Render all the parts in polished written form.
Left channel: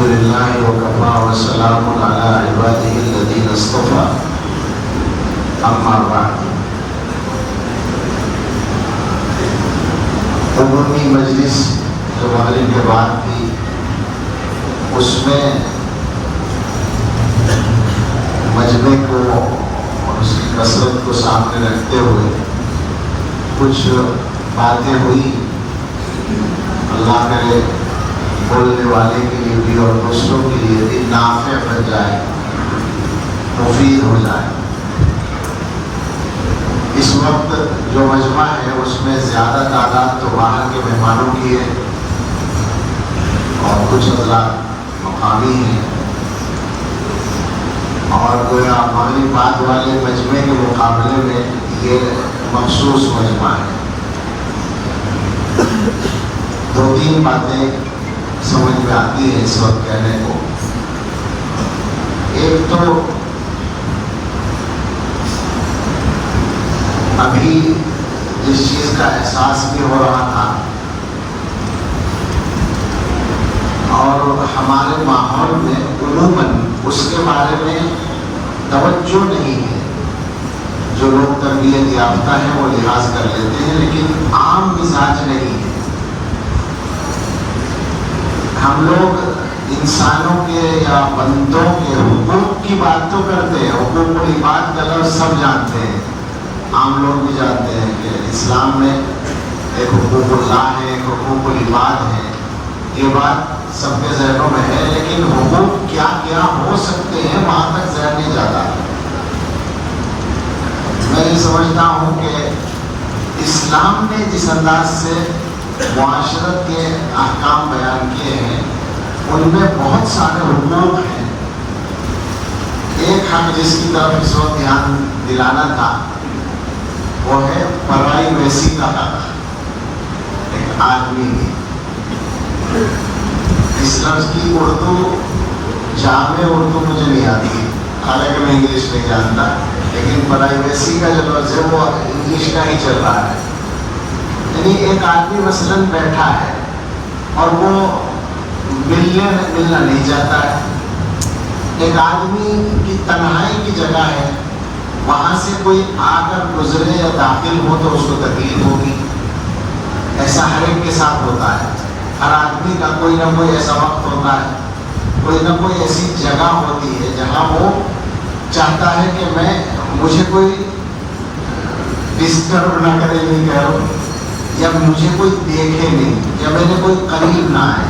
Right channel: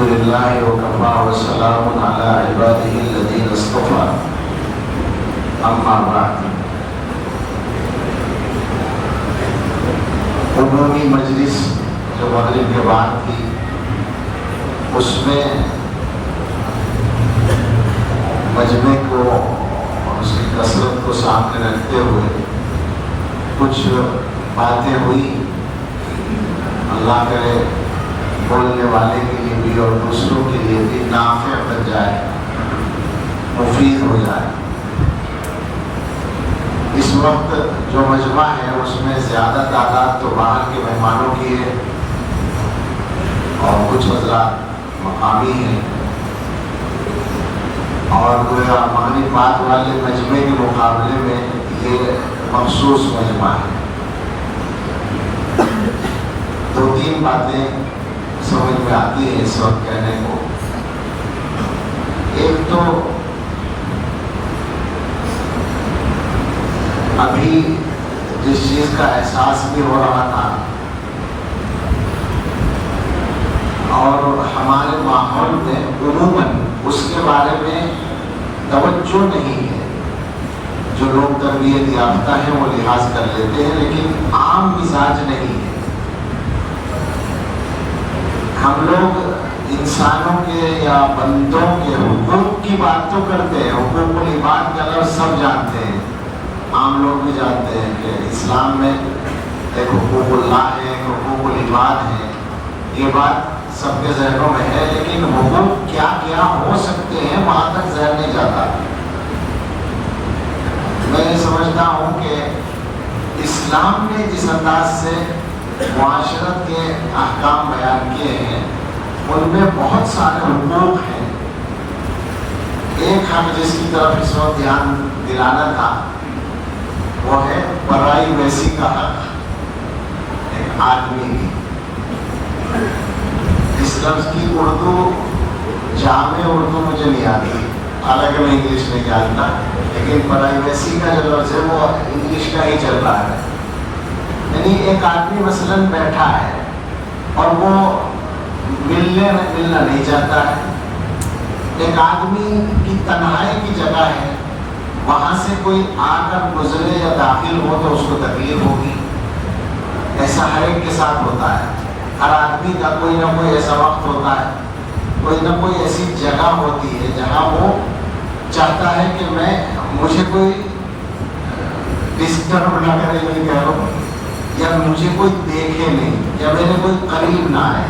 الحمد لله وكفى وسلام على عباده الذين اصطفى اما بعد. عمومی مجلس جو مغرب کے بعد تھی اس میں مجمع کو اور اس کی کثرت کو سامنے رکھتے ہوئے کچھ باتیں ہوئی. اللہ کرے بولنے والے کے لیے بھی اور دوسروں کے لیے بھی نافع بن جائے, مفید ہو جائے. اس وقت جو مجمع ہے اس میں زیادہ تعداد تو باہر کے مہمانوں کی ہے اور کچھ حضرات مقامی ہیں, اور گویا مغرب بعد والے مجمع کے مقابلے میں یہ مخصوص مجمع ہے. دو تین باتیں سمجھ میں آتی ہے اس وقت کہنے کو. ایک تو ابھی جس چیز کا احساس بھی ہو رہا تھا اور ہمارے ماحول میں عموماً اس کے بارے میں توجہ نہیں ہے. جو لوگ تربیت یافتہ ہیں وہ لحاظ کر لیتے ہیں, لیکن عام مزاج نہیں ہے. ہم لوگ انسانوں کے یا بندوں کے حقوق کی بات تو کرتے ہیں, حقوق العباد کا لفظ سب جانتے ہیں, عام لوگ بھی جانتے ہیں کہ اسلام میں ایک حقوق اللہ ہے, ایک حقوق العباد ہے. یہ بات سب کے ذہنوں میں ہے, لیکن حقوق کیا کیا ہو سکتے ہیں وہاں تک ذہن نہیں جاتا. میں سمجھتا ہوں کہ اسلام نے جس انداز سے معاشرت کے احکام بیان کیے ہیں ان میں بہت سارے حقوق ہیں. ایک حق جس کی طرف اس وقت دھیان دلانا تھا وہ ہے پرائیویسی کا حق. ایک آدمی اس لفظ کی اردو جامع اردو مجھے نہیں آتی, حالانکہ میں انگلش نہیں جانتا, لیکن پرائیویسی کا جو لفظ ہے وہ انگلش کا ہی چل رہا ہے. یعنی ایک آدمی مثلاً بیٹھا ہے اور وہ ملنا نہیں چاہتا ہے. ایک آدمی کی تنہائی کی جگہ ہے, وہاں سے کوئی آ کر گزرے یا داخل ہو تو اس کو تکلیف ہوگی. ایسا ہر ایک کے ساتھ ہوتا ہے. ہر آدمی کا کوئی نہ کوئی ایسا وقت ہوتا ہے, کوئی نہ کوئی ایسی جگہ ہوتی ہے جہاں وہ چاہتا ہے کہ مجھے کوئی ڈسٹرب نہ کرے, نہیں کہہ رہا, یا مجھے کوئی دیکھے نہیں, یا میرے کوئی قریب نہ آئے.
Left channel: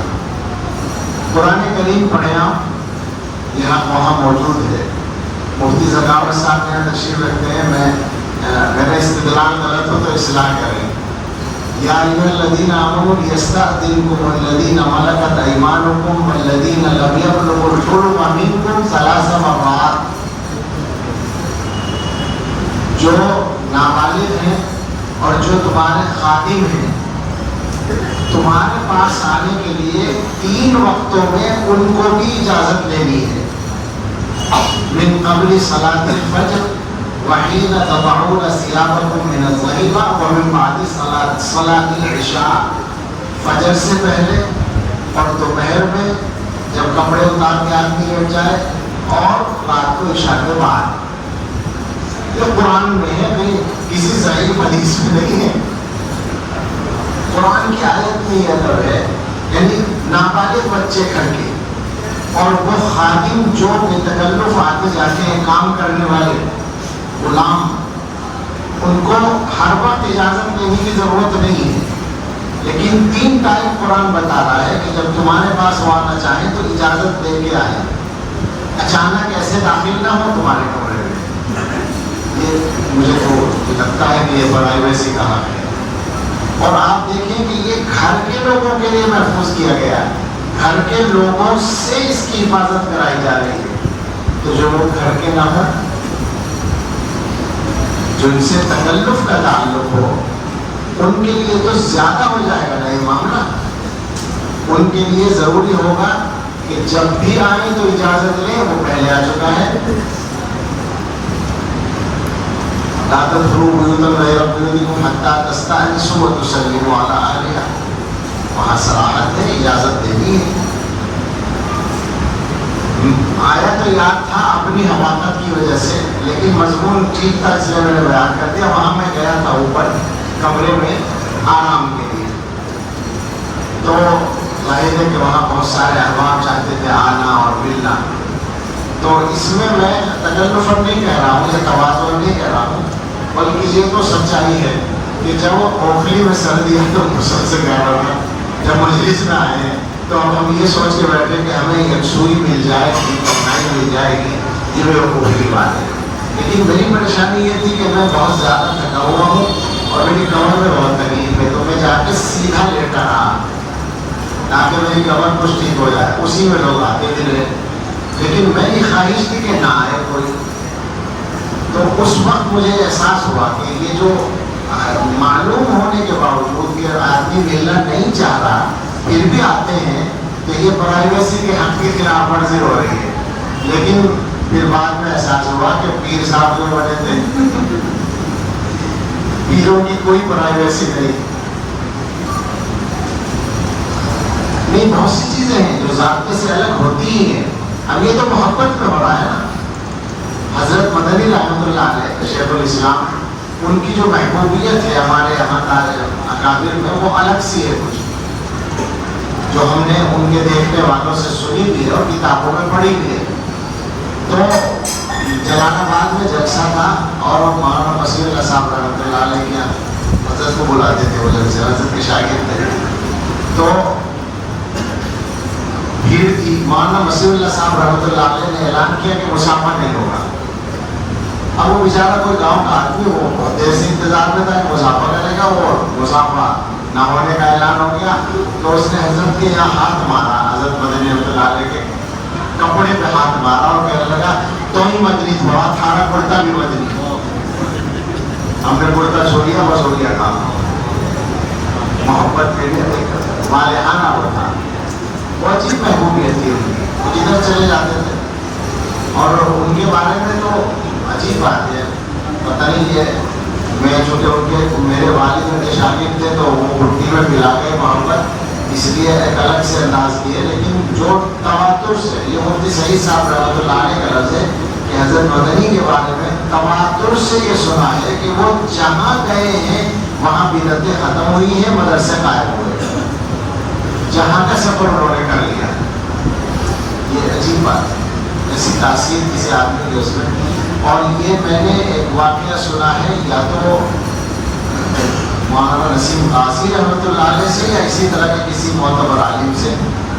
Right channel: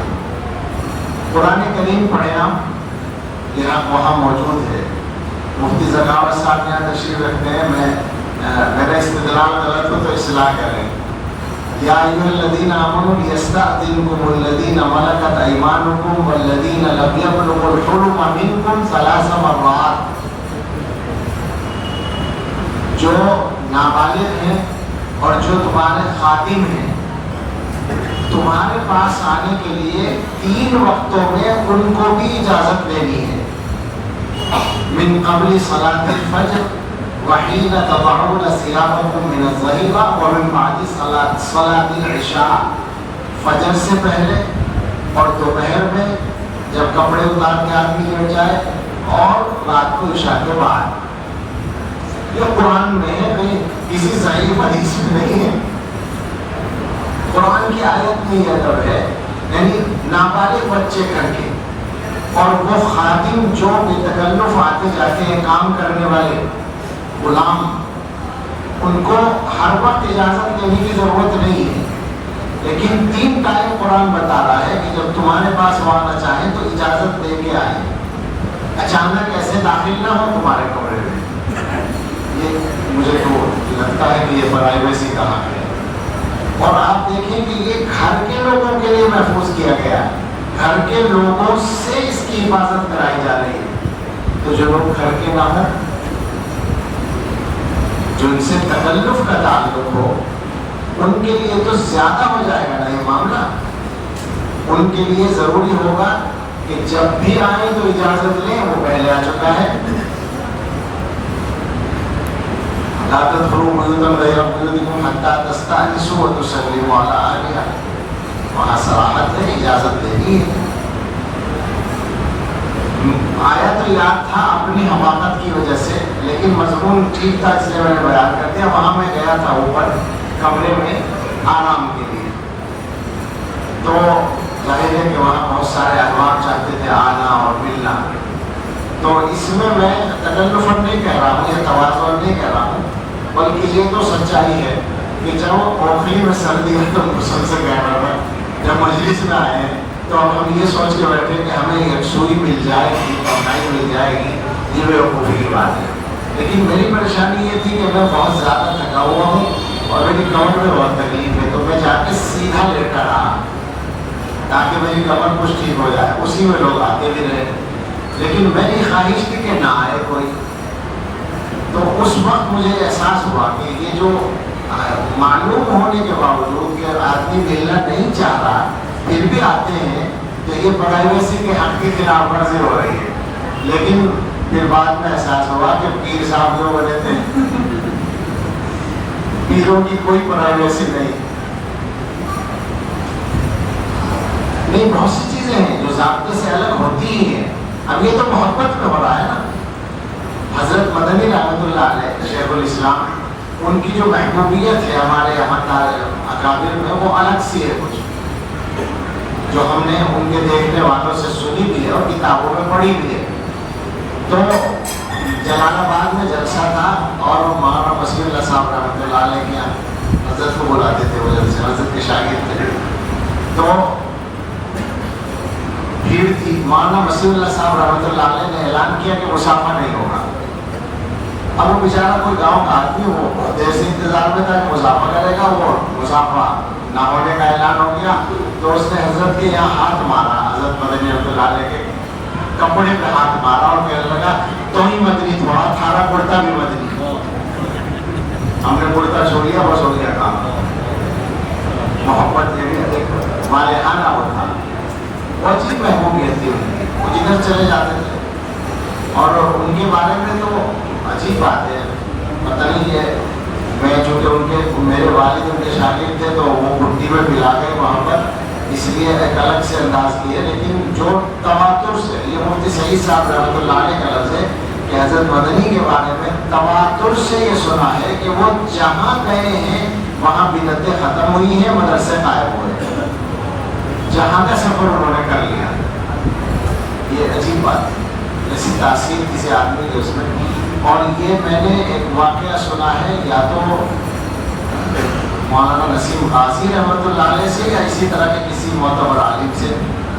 قرآن کریم پڑھے آپ, یہاں وہاں موجود ہے. مفتی ذکاوت صاحب یہاں تشریف رکھتے ہیں. میرا استدلال غلط ہو تو اصلاح کریں. یا ایھا الذین آمنوا لیستأذنکم الذین ملکت ایمانکم والذین لم یبلغوا الحلم منکم ثلاث مرات. جو نابالغ ہیں اور جو تمہارے خادم ہیں تمہارے پاس آنے کے لیے 3 وقتوں میں ان کو بھی اجازت دینی ہے. من قبل صلاۃ الفجر وحین تضعون ثيابکم من الظہیرہ ومن بعد صلاۃ العشاء. فجر سے پہلے اور دوپہر میں جب کپڑے اتار کے آدمی بیٹھ جائے, اور رات کو عشاء کے بعد. یہ قرآن میں ہے, کسی ضعیف حدیث میں نہیں ہے. قرآن کی آیت میں یہ ادب ہے. یعنی نابالغ بچے کر کے اور وہ خادم جو بے تکلف آتے جاتے ہیں کام کرنے والے غلام, ان کو ہر وقت اجازت لینے کی ضرورت نہیں ہے. لیکن 3 ٹائم قرآن بتا رہا ہے کہ جب تمہارے پاس وہ آنا چاہیں تو اجازت دے کے آئے, اچانک ایسے داخل نہ ہو تمہارے کمرے میں. مجھے تو لگتا ہے کہ یہ پرائیویسی کا حق ہے. اور آپ دیکھیں کہ یہ گھر کے لوگوں کے لیے محفوظ کیا گیا, گھر کے لوگوں سے اس کی حفاظت کرائی جا رہی ہے. تو جو لوگ گھر کے نہ ہوں, جو ان سے تکلف کا تعلق ہو, ان کے لیے تو زیادہ ہو جائے گا نا یہ معاملہ. ان کے لیے ضروری ہوگا کہ جب بھی آئیں تو اجازت لیں, وہ پہلے آ چکا ہے. لا تدخلوا بيوتا غير بيوتكم حتى تستأنسوا وتسلموا على أهلها. وہاں صراحت ہے, اجازت دینی ہے. یاد تھا اپنی حماقت کی وجہ سے، لیکن مضمون ٹھیک تھا اس لیے میں نے بیان کر دیا۔ وہاں میں گیا تھا اوپر کمرے میں آرام کے لیے، تو ظاہر ہے کہ وہاں بہت سارے احباب چاہتے تھے آنا اور ملنا، تو اس میں تکلفاً نہیں کہہ رہا ہوں، یہ تواضع نہیں کہہ رہا ہوں، بلکہ یہ تو سچائی ہے کہ جب وہ اوکھلی میں سردی ہے تو مسل سے کہہ رہا تھا، جب مجلس میں آئے ہیں تو ہم یہ سوچ کے بیٹھے کہ ہمیں یکسوئی مل جائے گی، پڑھائی مل جائے گی، یہ بیوقوفی کی بات ہے۔ لیکن میری پریشانی یہ تھی کہ میں بہت زیادہ تھکا ہوا ہوں اور میری کمر میں بہت تکلیف ہے، تو میں جا کے سیدھا لیٹا رہا تاکہ میری کمر کچھ ٹھیک ہو جائے، اسی میں لوگ آتے بھی رہے، لیکن میری خواہش تھی کہ نہ آئے کوئی۔ تو اس وقت مجھے احساس ہوا کہ یہ جو معلوم ہونے کے باوجود کہ آدمی ملنا نہیں چاہ رہا پھر بھی آتے ہیں، کہ یہ پرائیویسی کے حق کی خلاف ورزی ہو رہی ہے۔ لیکن پھر بعد میں احساس ہوا کہ پیر صاحب جو بنے تھے، پیروں کی کوئی پرائیویسی نہیں، بہت سی چیزیں ہیں جو ضابطے سے الگ ہوتی ہی ہیں۔ اب یہ تو محبت میں ہو رہا ہے نا۔ حضرت مدنی رحمۃ اللہ علیہ شیخ الاسلام، ان کی جو محبوبیت ہے ہمارے یہاں کا اکابر میں، وہ الگ سی ہے کچھ، جو ہم نے ان کے دیکھنے والوں سے سنی بھی ہے اور کتابوں میں پڑھی بھی ہے۔ تو جلال آباد میں جلسہ تھا اور مولانا بصیر اللہ صاحب رحمۃ اللہ علیہ کے حضرت کو بلاتے تھے، وہ جلسے حضرت کے شاگرد تھے، تو بھیڑ تھی۔ مولانا بصیر اللہ صاحب رحمۃ اللہ علیہ نے اعلان کیا کہ مسافہ نہیں ہوگا۔ اب وہ بیچارہ کوئی گاؤں کا آدمی، وہ بہت دیر سے انتظار میں تھا کہ مسافہ کرے گا، وہ مسافہ نہ ہونے کا اعلان ہو گیا، تو اس نے حضرت کے یہاں ہاتھ مارا، حضرت مدنی رحمۃ اللہ علیہ کے کپڑے پہ ہاتھ مارا اور کہنے لگا تو ہی مدنی تھوڑا، تھارا کرتا بھی مدنی، ہم نے کرتا چھوڑیا، بس ہو گیا کام۔ محبت میں بھی والہانہ ہوتا، بہت سی محبوبیت تھی ان کی، جدھر چلے جاتے تھے۔ اور ان کے بارے میں تو عجیب بات ہے، پتہ نہیں ہے، میں چونکہ ان کے میرے والد ان کے شاگرد تھے تو وہ گھٹی میں ملا کے محبت اس لیے ایک الگ سے انداز کی ہے، لیکن جو تواتر سے، یہ مفتی سعید صاحب رحمۃ اللہ علیہ کا لفظ ہے کہ حضرت مدنی کے بارے میں تواتر سے یہ سنا ہے کہ وہ جہاں گئے ہیں وہاں بدعتیں ختم ہوئی ہیں، مدرسے قائم ہوئے، جہاں کا سفر انہوں نے کر لیا۔ یہ عجیب بات ہے، ایسی تاثیر کسی آدمی کی اس میں۔ اور یہ میں نے ایک واقعہ سنا ہے، یا تو مولانا نسیم غازی رحمۃ اللہ علیہ سے یا اسی طرح کے کسی معتبر عالم سے،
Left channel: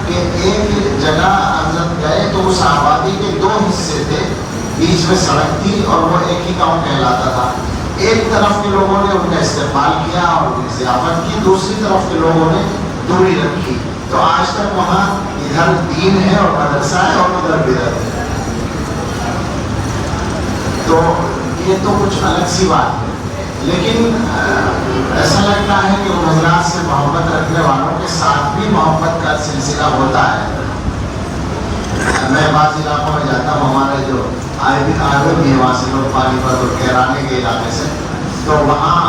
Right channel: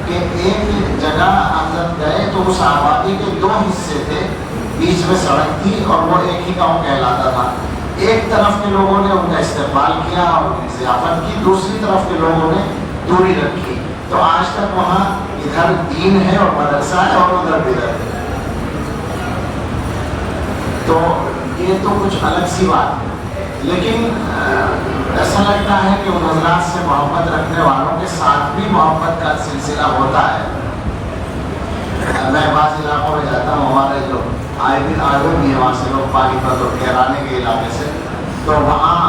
کہ ایک جگہ حضرت گئے تو اس آبادی کے دو حصے تھے، بیچ میں سڑک تھی اور وہ ایک ہی گاؤں کہلاتا تھا۔ ایک طرف کے لوگوں نے ان کا استقبال کیا اور ضیافت کی، دوسری طرف کے لوگوں نے دوری رکھی، تو آج تک وہاں ادھر دین ہے اور مدرسہ ہے اور ادھر بدعت ہے۔ تو یہ تو کچھ الگ سی بات ہے، لیکن ایسا لگتا ہے کہ ان حضرات سے محبت رکھنے والوں کے ساتھ بھی محبت کا سلسلہ ہوتا ہے۔ میں بعض علاقوں میں جاتا ہوں، ہمارے جو آئے بھی ہے وہاں سے لوگ پانی پر اور کیرانے کے علاقے سے، تو وہاں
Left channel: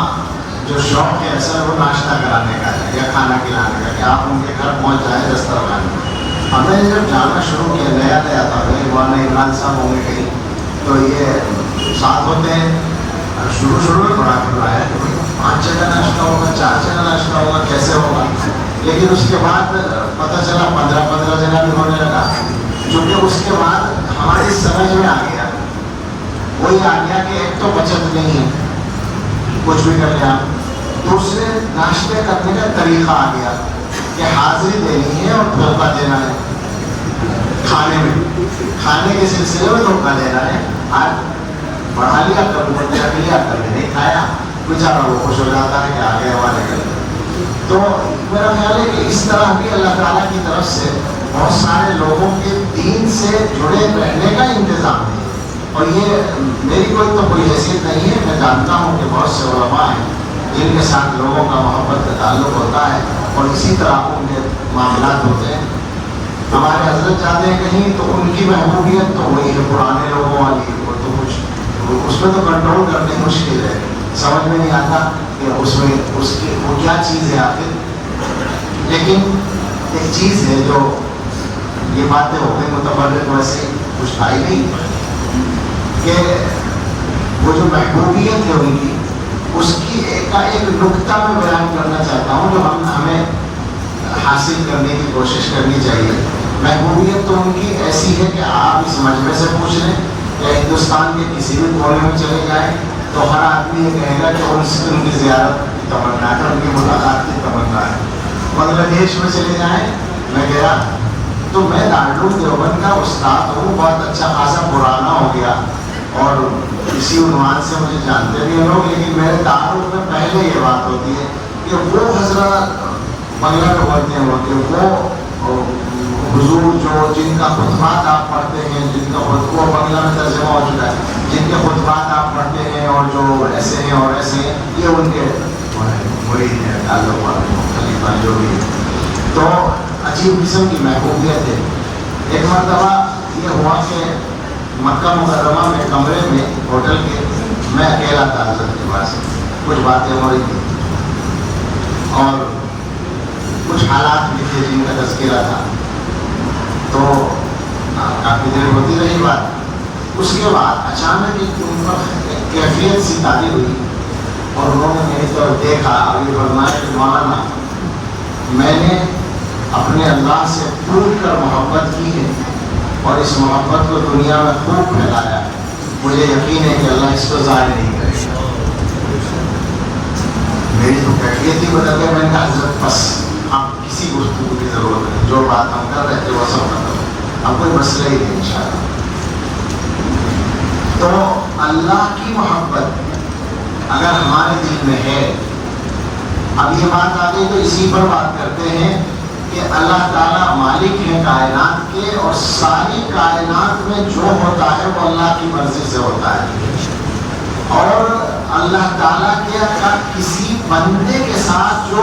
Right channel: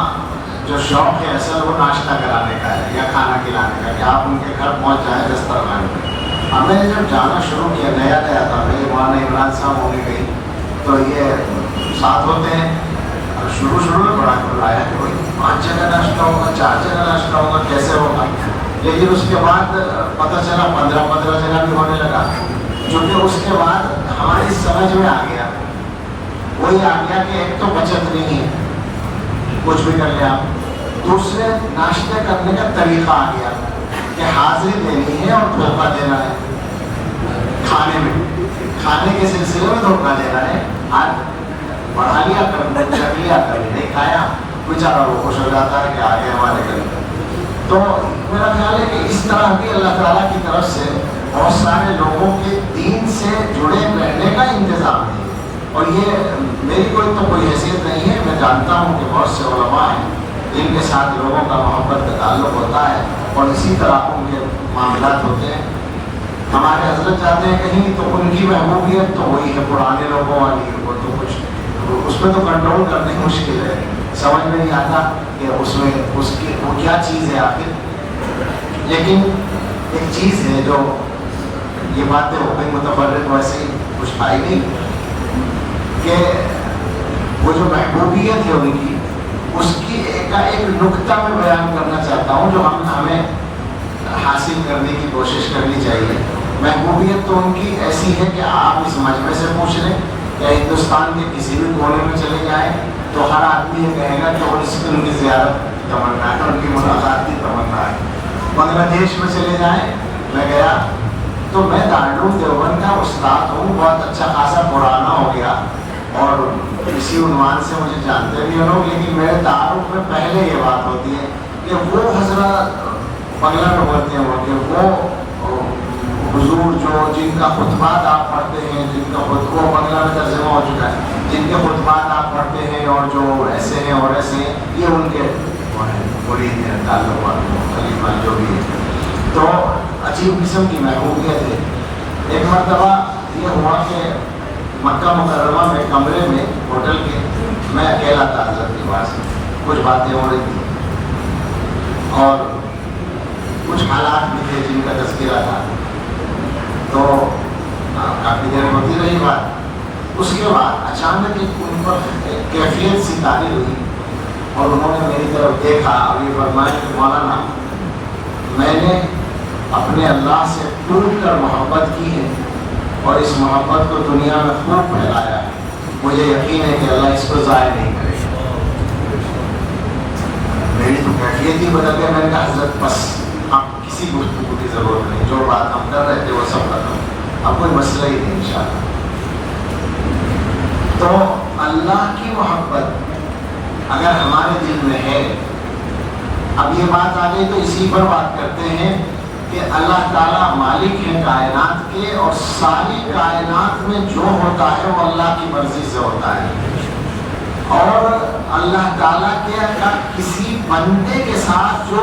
جو شوق ہے اصل وہ ناشتہ کرانے کا ہے یا کھانا کھلانے کا، کہ آپ ان کے گھر پہنچ جائیں دسترخوان میں۔ ہم نے جب جانا شروع کیا، نیا تھا، مولانا عمران صاحب ہونے گئی تو یہ ساتھ ہوتے ہیں، شروع میں بڑا گھبرایا کہ 5 جگہ ناشتہ ہوگا، 4 جگہ ناشتہ ہوگا، کیسے ہوگا، لیکن اس کے بعد پتہ چلا 15 جگہ بھی ہونے لگا، کیونکہ اس کے بعد ہماری سمجھ میں آ گیا، وہی آ گیا کہ ایک تو بچت نہیں ہے، کچھ بھی کر لیا، دوسرے ناشتے کرنے کا طریقہ آ گیا کہ حاضری دینی ہے اور دھوکہ دینا ہے، کھانے کے سلسلے میں دھوکہ دینا ہے، آج بڑھا لیا کر لیا نہیں کھایا، بیچارہ وہ خوش ہو جاتا ہے کہ آگے ہمارے گھر۔ تو میرا خیال ہے کہ اس طرح بھی اللہ تعالیٰ کی طرف سے بہت سارے لوگوں کے دین سے جڑے رہنے کا انتظام ہے، اور یہ میری کوئی حیثیت نہیں ہے، میں جانتا ہوں کہ بہت سے علماء ہیں جن کے ساتھ لوگوں کا محبت کا تعلق ہوتا ہے اور اسی طرح ان کے معاملات ہوتے ہیں۔ ہمارے حضرت جاتے ہیں کہیں تو ان کی محبوبیت تو وہی ہے پرانے لوگوں والی، وہ تو کچھ اس پہ تو کنٹرول کرنی مشکل ہے، سمجھ میں نہیں آتا کہ اس میں اس کی وہ کیا چیز ہے آخر۔ لیکن ایک چیز ہے جو یہ باتیں ہو گئی متفرق، ویسے کچھ تھا ہی نہیں کہ وہ جو محبوبیت ہے ان کی، اس کی ایک نکتہ میں بیان کرنا چاہتا ہوں جو ہمیں حاصل کرنے کی کوشش کرنی چاہیے۔ محبوبیت تو ان کی ایسی ہے کہ آپ اس مجمع سے پوچھ لیں یا ہندوستان کے کسی بھی کونے میں چلے جائیں تو ہر آدمی یہ کہے گا کہ ان کی زیارت کی تمنا ہے، ان کی ملاقات کی تمنا ہے۔ بنگلہ دیش میں چلے جائیں، میں گیا تو میں دارالعلوم دیوبند کا استاد ہوں، بہت اچھا خاصا پرانا ہو گیا اور اسی عنوان سے مجھے جانتے بھی ہیں لوگ، لیکن میرے تعارف میں پہلے یہ بات ہوتی ہے کہ وہ حضرات بنگلہ میں ہوتے ہیں وہ حضور جو جن کا خطبات آپ پڑھتے ہیں، جن کا خطبہ بنگلہ میں ترجمہ ہو چکا ہے، جن کے خطبات آپ پڑھتے ہیں اور جو ایسے ہیں اور ایسے ہیں، یہ ان کے وہی ہیں تعلق جو بھی۔ تو عجیب قسم کی محبوبیت ہے۔ ایک مرتبہ یہ ہوا کہ مکہ مکرمہ میں کمرے میں ہوٹل کے میں اکیلا تھا، حضرت کے پاس کچھ باتیں ہو رہی تھیں اور کچھ حالات بھی تھے جن کا تذکرہ تھا، تو کافی دیر ہوتی رہی بات۔ اس کے بعد اچانک ان پر کیفیت سی طاری ہوئی اور انہوں نے میری طرف دیکھا اور یہ فرمایا کہ مولانا میں نے اپنے اللہ سے ٹوٹ کر محبت کی ہے اور اس محبت کو دنیا میں خوب پھیلایا ہے، مجھے یقین ہے کہ اللہ اس کو ضائع نہیں کرے گا۔ میری تو کیفیت ہی بدل گئی۔ میں نے کہا حضرت بس اب کسی گفتگو کی ضرورت نہیں، جو بات ہم کر رہے تھے وہ سب کرتے ہیں، اب کوئی مسئلہ ہی نہیں انشاءاللہ۔ تو اللہ کی محبت اگر ہمارے دل میں ہے، اب یہ بات آ گئی تو اسی پر بات کرتے ہیں کہ اللہ تعالیٰ مالک ہیں کائنات کے، اور ساری کائنات میں جو ہوتا ہے وہ اللہ کی مرضی سے ہوتا ہے، اور اللہ تعالیٰ کے کسی بندے کے ساتھ جو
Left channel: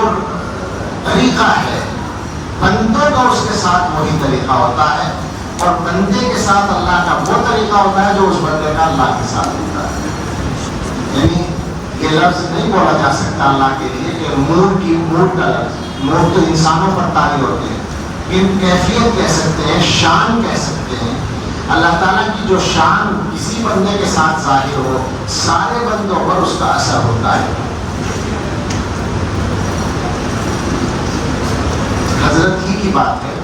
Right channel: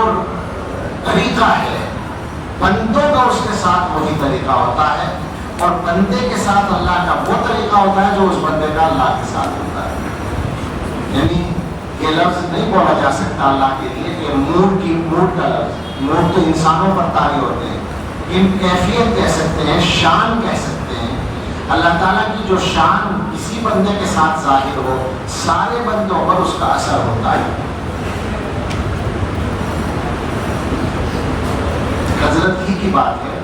طریقہ ہے، بندوں کا اس کے ساتھ وہی طریقہ ہوتا ہے، اور بندے کے ساتھ اللہ کا وہ طریقہ ہوتا ہے جو اس بندے کا اللہ کے ساتھ ہوتا ہے۔ یعنی یہ لفظ نہیں بولا جا سکتا اللہ کے لیے کہ موڈ کا لفظ، موڈ تو انسانوں پر طاری ہوتے ہیں، لیکن کیفیت کہہ سکتے ہیں، شان کہہ سکتے ہیں۔ اللہ تعالیٰ کی جو شان کسی بندے کے ساتھ ظاہر ہو، سارے بندوں پر اس کا اثر ہوتا ہے۔ حضرت ہی کی بات ہے،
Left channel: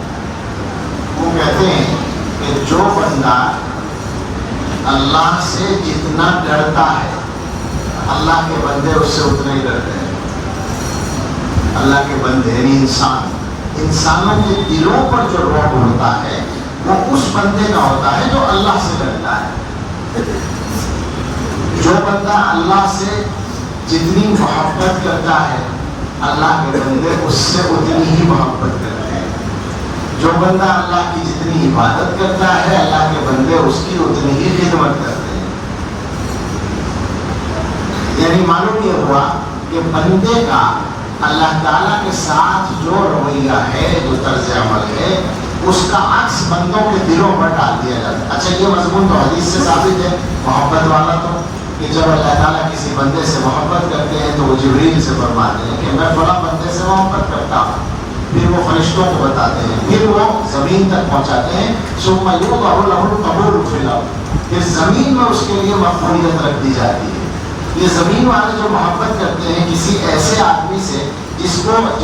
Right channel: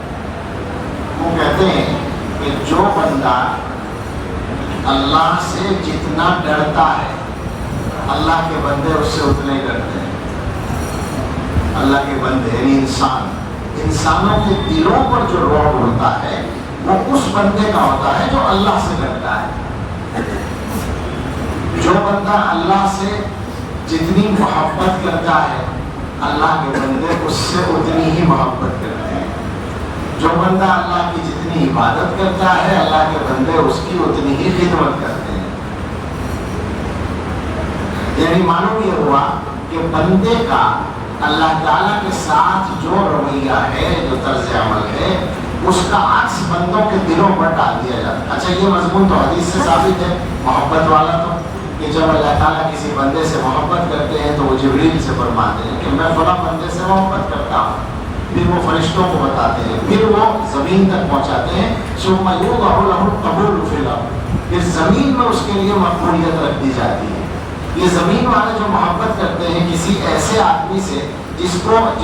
وہ کہتے ہیں کہ جو بندہ اللہ سے جتنا ڈرتا ہے، اللہ کے بندے اس سے اتنے ہی ڈرتے ہیں۔ اللہ کے بندے یعنی انسانوں کے دلوں پر جو رعب ہوتا ہے وہ اس بندے کا ہوتا ہے جو اللہ سے ڈرتا ہے۔ جو بندہ اللہ سے جتنی محبت کرتا ہے، اللہ کے بندے اس سے اتنی ہی محبت کرتے ہیں۔ جو بندہ اللہ کی جتنی عبادت کرتا ہے، اللہ کے بندے اس کی اتنی ہی خدمت کرتے ہیں۔ یعنی معلوم یہ ہوا کہ بندے کا اللہ تعالیٰ کے ساتھ جو رویہ ہے، جو طرز عمل ہے، اس کا عکس بندوں کے دلوں پر ڈال دیا جاتا ہے۔ اچھا یہ مضمون تو حدیث سے ثابت ہے، محبت والا تو، کہ جب اللہ تعالیٰ کسی بندے سے محبت کرتے ہیں تو وہ جبریل سے فرماتے ہیں کہ میں فلاں بندے سے محبت کرتا ہوں، پھر وہ فرشتوں کو بتاتے ہیں، پھر وہ زمین تک پہنچاتے ہیں، ثم یوضع لہ القبول فی الارض، پھر زمین میں اس کے لیے مقبولیت رکھ دی جاتی ہے۔ یہ زمین والے جو محبت کرتے ہیں کسی ایسے آدمی سے جس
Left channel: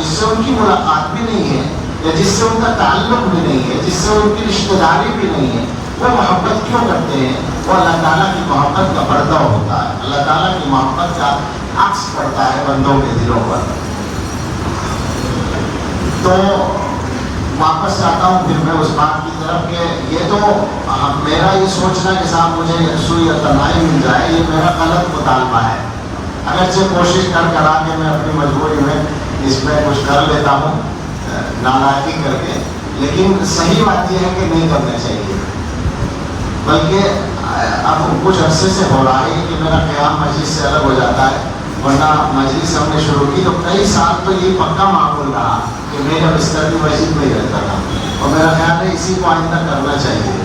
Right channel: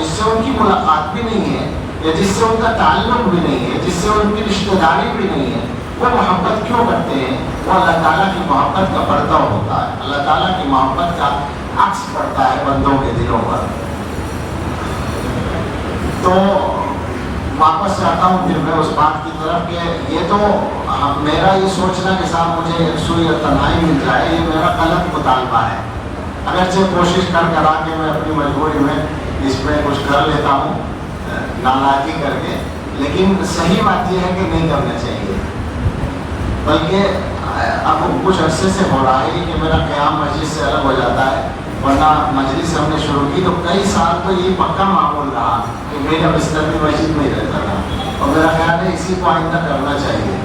سے ان کی ملاقات بھی نہیں ہے، یا جس سے ان کا تعلق بھی نہیں ہے، جس سے ان کی رشتہ داری بھی نہیں ہے، وہ محبت کیوں کرتے ہیں؟ وہ اللہ تعالیٰ کی محبت کا پردہ ہوتا ہے، اللہ تعالیٰ کی محبت کا عکس پڑتا ہے بندوں کے دلوں پر۔ تو واپس آتا ہوں پھر میں اس بات کی طرف کہ یہ تو میرا یہ سوچنا کہ صاحب مجھے یکسوئی یا تنہائی مل جائے، یہ میرا غلط مطالبہ ہے۔ اگرچہ کوشش کر کے میں اپنی مجبوری میں اس پہ کچھ کر لیتا ہوں نالائقی کر کے، لیکن صحیح بات یہ ہے کہ نہیں کرنا چاہیے۔ بلکہ اب کچھ عرصے سے ہو رہا ہے کہ میرا قیام مجلس سے الگ ہو جاتا ہے، ورنہ مجلس ہم نے شروع کی تو کئی سال تو یہ پکا معمول رہا کہ میرا بستر بھی مسجد میں رہتا تھا، اور میرا خیال ہے اسی کو آئندہ کرنا چاہیے،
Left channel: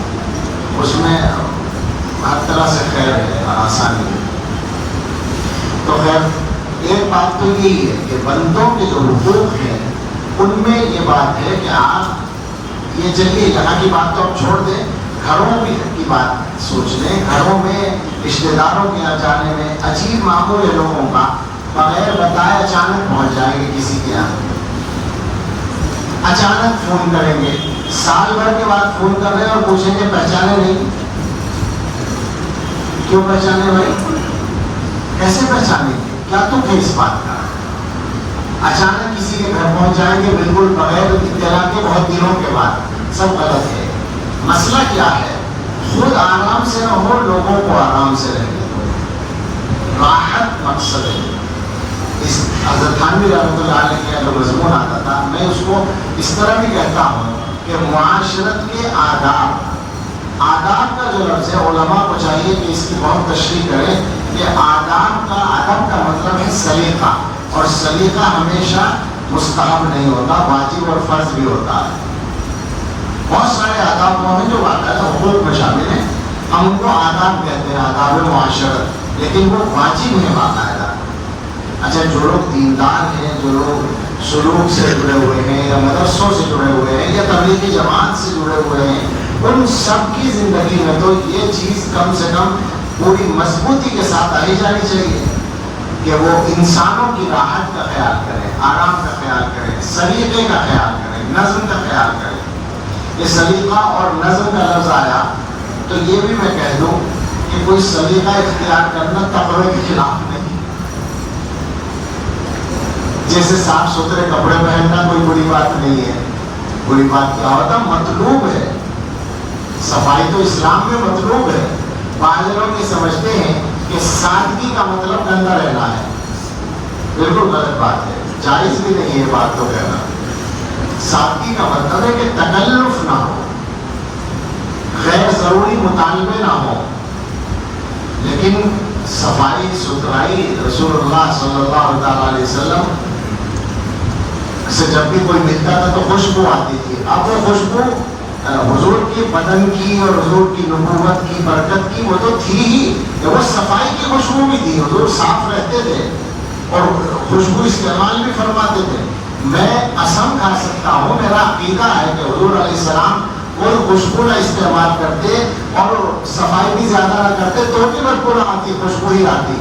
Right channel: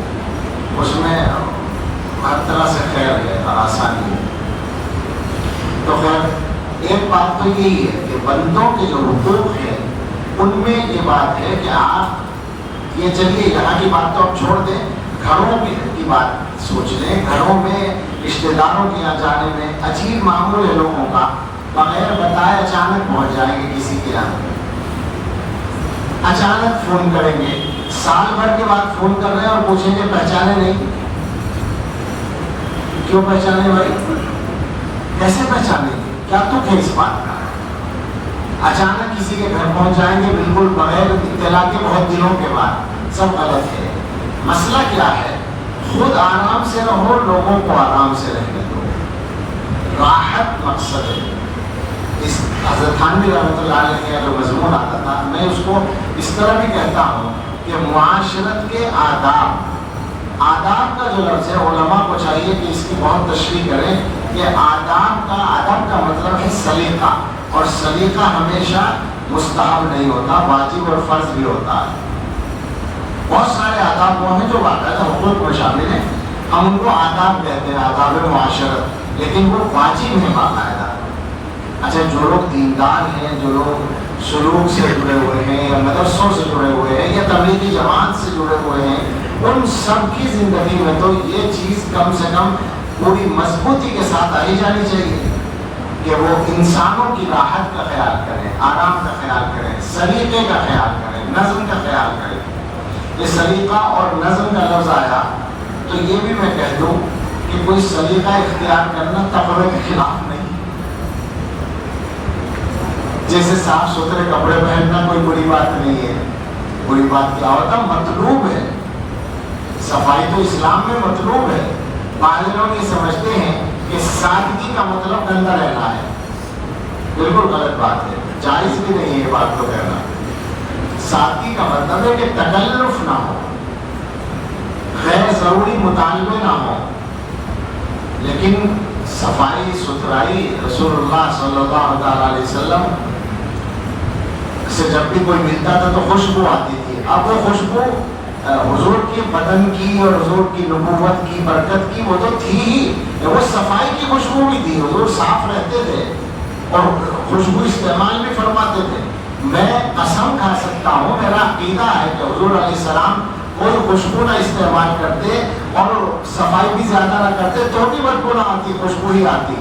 اس میں ہر طرح سے خیر ہے، آسانی ہے۔ تو خیر ایک بات تو یہی ہے کہ بندوں کے جو حقوق ہیں ان میں یہ بات ہے کہ آپ یہ چلیے یہاں کی بات تو اب چھوڑ دیں، گھروں بھی کی بات سوچ لیں. گھروں میں رشتے داروں کے یہاں جانے میں عجیب معمول ہے لوگوں کا، بغیر بتائے اچانک پہنچ جائیں گے کسی کے یہاں، اچانک فون کریں گے، سال بھر کے بعد فون کر رہے ہیں اور پوچھیں گے پہچانے نہیں. کیوں پہچانے بھائی؟ کیسے پہچانے گے؟ کیا تو ہے اس بات کا؟ اچانک کسی کے گھر پہنچ جائیں گے بالکل بغیر اطلاع کے، بہت دنوں کے بعد. سب غلط ہے. مسئلہ کیا ہے؟ خود آرام سے رہو، لوگوں کو آرام سے رہنے دو. راحت مقصد ہے. اس حضرت تھانوی رحمۃ اللہ علیہ کا جو مضمون آتا تھا، میں اس کو اس طرح بھی کہتا ہوں کہ معاشرت کے آداب کا جو لفظ ہے، علماء کو چاہیے کہ اس کی بہت تشریح کریں. یہ ادب کا مطلب ہے سلیقہ، اور سلیقہ ہمیشہ مستحب نہیں ہوتا، واجب اور فرض بھی ہوتا ہے. بہت سارے آداب وہ ہیں جو باقاعدہ حقوق میں شامل ہیں، ہم ان کو آداب کہتے ہیں، آداب معاشرت، لیکن وہ واجب ہے باقاعدہ. اچھا، جو لوگ دیندار ہیں، جو لوگ سلوک سے جڑے ہوئے ہیں یا مدرسوں سے جڑے ہوئے ہیں یا تبلیغی جماعت سے جڑے ہوئے ہیں، ان سب کی زندگی میں تو یہ چیز کم سے کم پوری مضبوطی کے ساتھ آئی جانی چاہیے کہ وہ انسانوں کی راحت کا خیال کریں، آرام کا خیال کریں، سلیقے کا خیال کریں، نظم کا خیال کریں. یہ سلیقہ اور نظم کا لفظ آیا تو یہ بھی میں کہہ دوں کہ کوئی سلیقہ اختیار کرنا تقوی کے خلاف نہیں. جیسے صاف ستھرے کپڑے پہننا کوئی بری بات نہیں ہے. بری بات کیا ہوتا؟ مطلوب ہے. صفائی تو اسلام میں مطلوب ہے. بعض لوگ یہ سمجھتے ہیں کہ سادگی کا مطلب گندا رہنا ہے. بالکل غلط بات ہے، جائز بھی نہیں ہے بات تو کہنا. سادگی کا مطلب ہے کہ تکلف نہ ہو، غیر ضروری مطالبے نہ ہو. لیکن صفائی ستھرائی، رسول اللہ صلی اللہ علیہ وسلم سے جب بھی کوئی ملتا تھا تو خوشبو آتی تھی. اب وہ خوشبو حضور کی بدن کی اور حضور کی نبوت کی برکت کی وہ تو تھی ہی، وہ صفائی کی خوشبو بھی تھی. حضور صاف رہتے تھے اور خوشبو استعمال بھی فرماتے تھے. میں قسم کھا سکتا ہوں، میرا عقیدہ ہے کہ حضور علیہ السلام کوئی خوشبو نہ استعمال کرتے اور صفائی بھی زیادہ نہ کرتے تو بھی بدبو نہ آتی، خوشبو ہی آتی.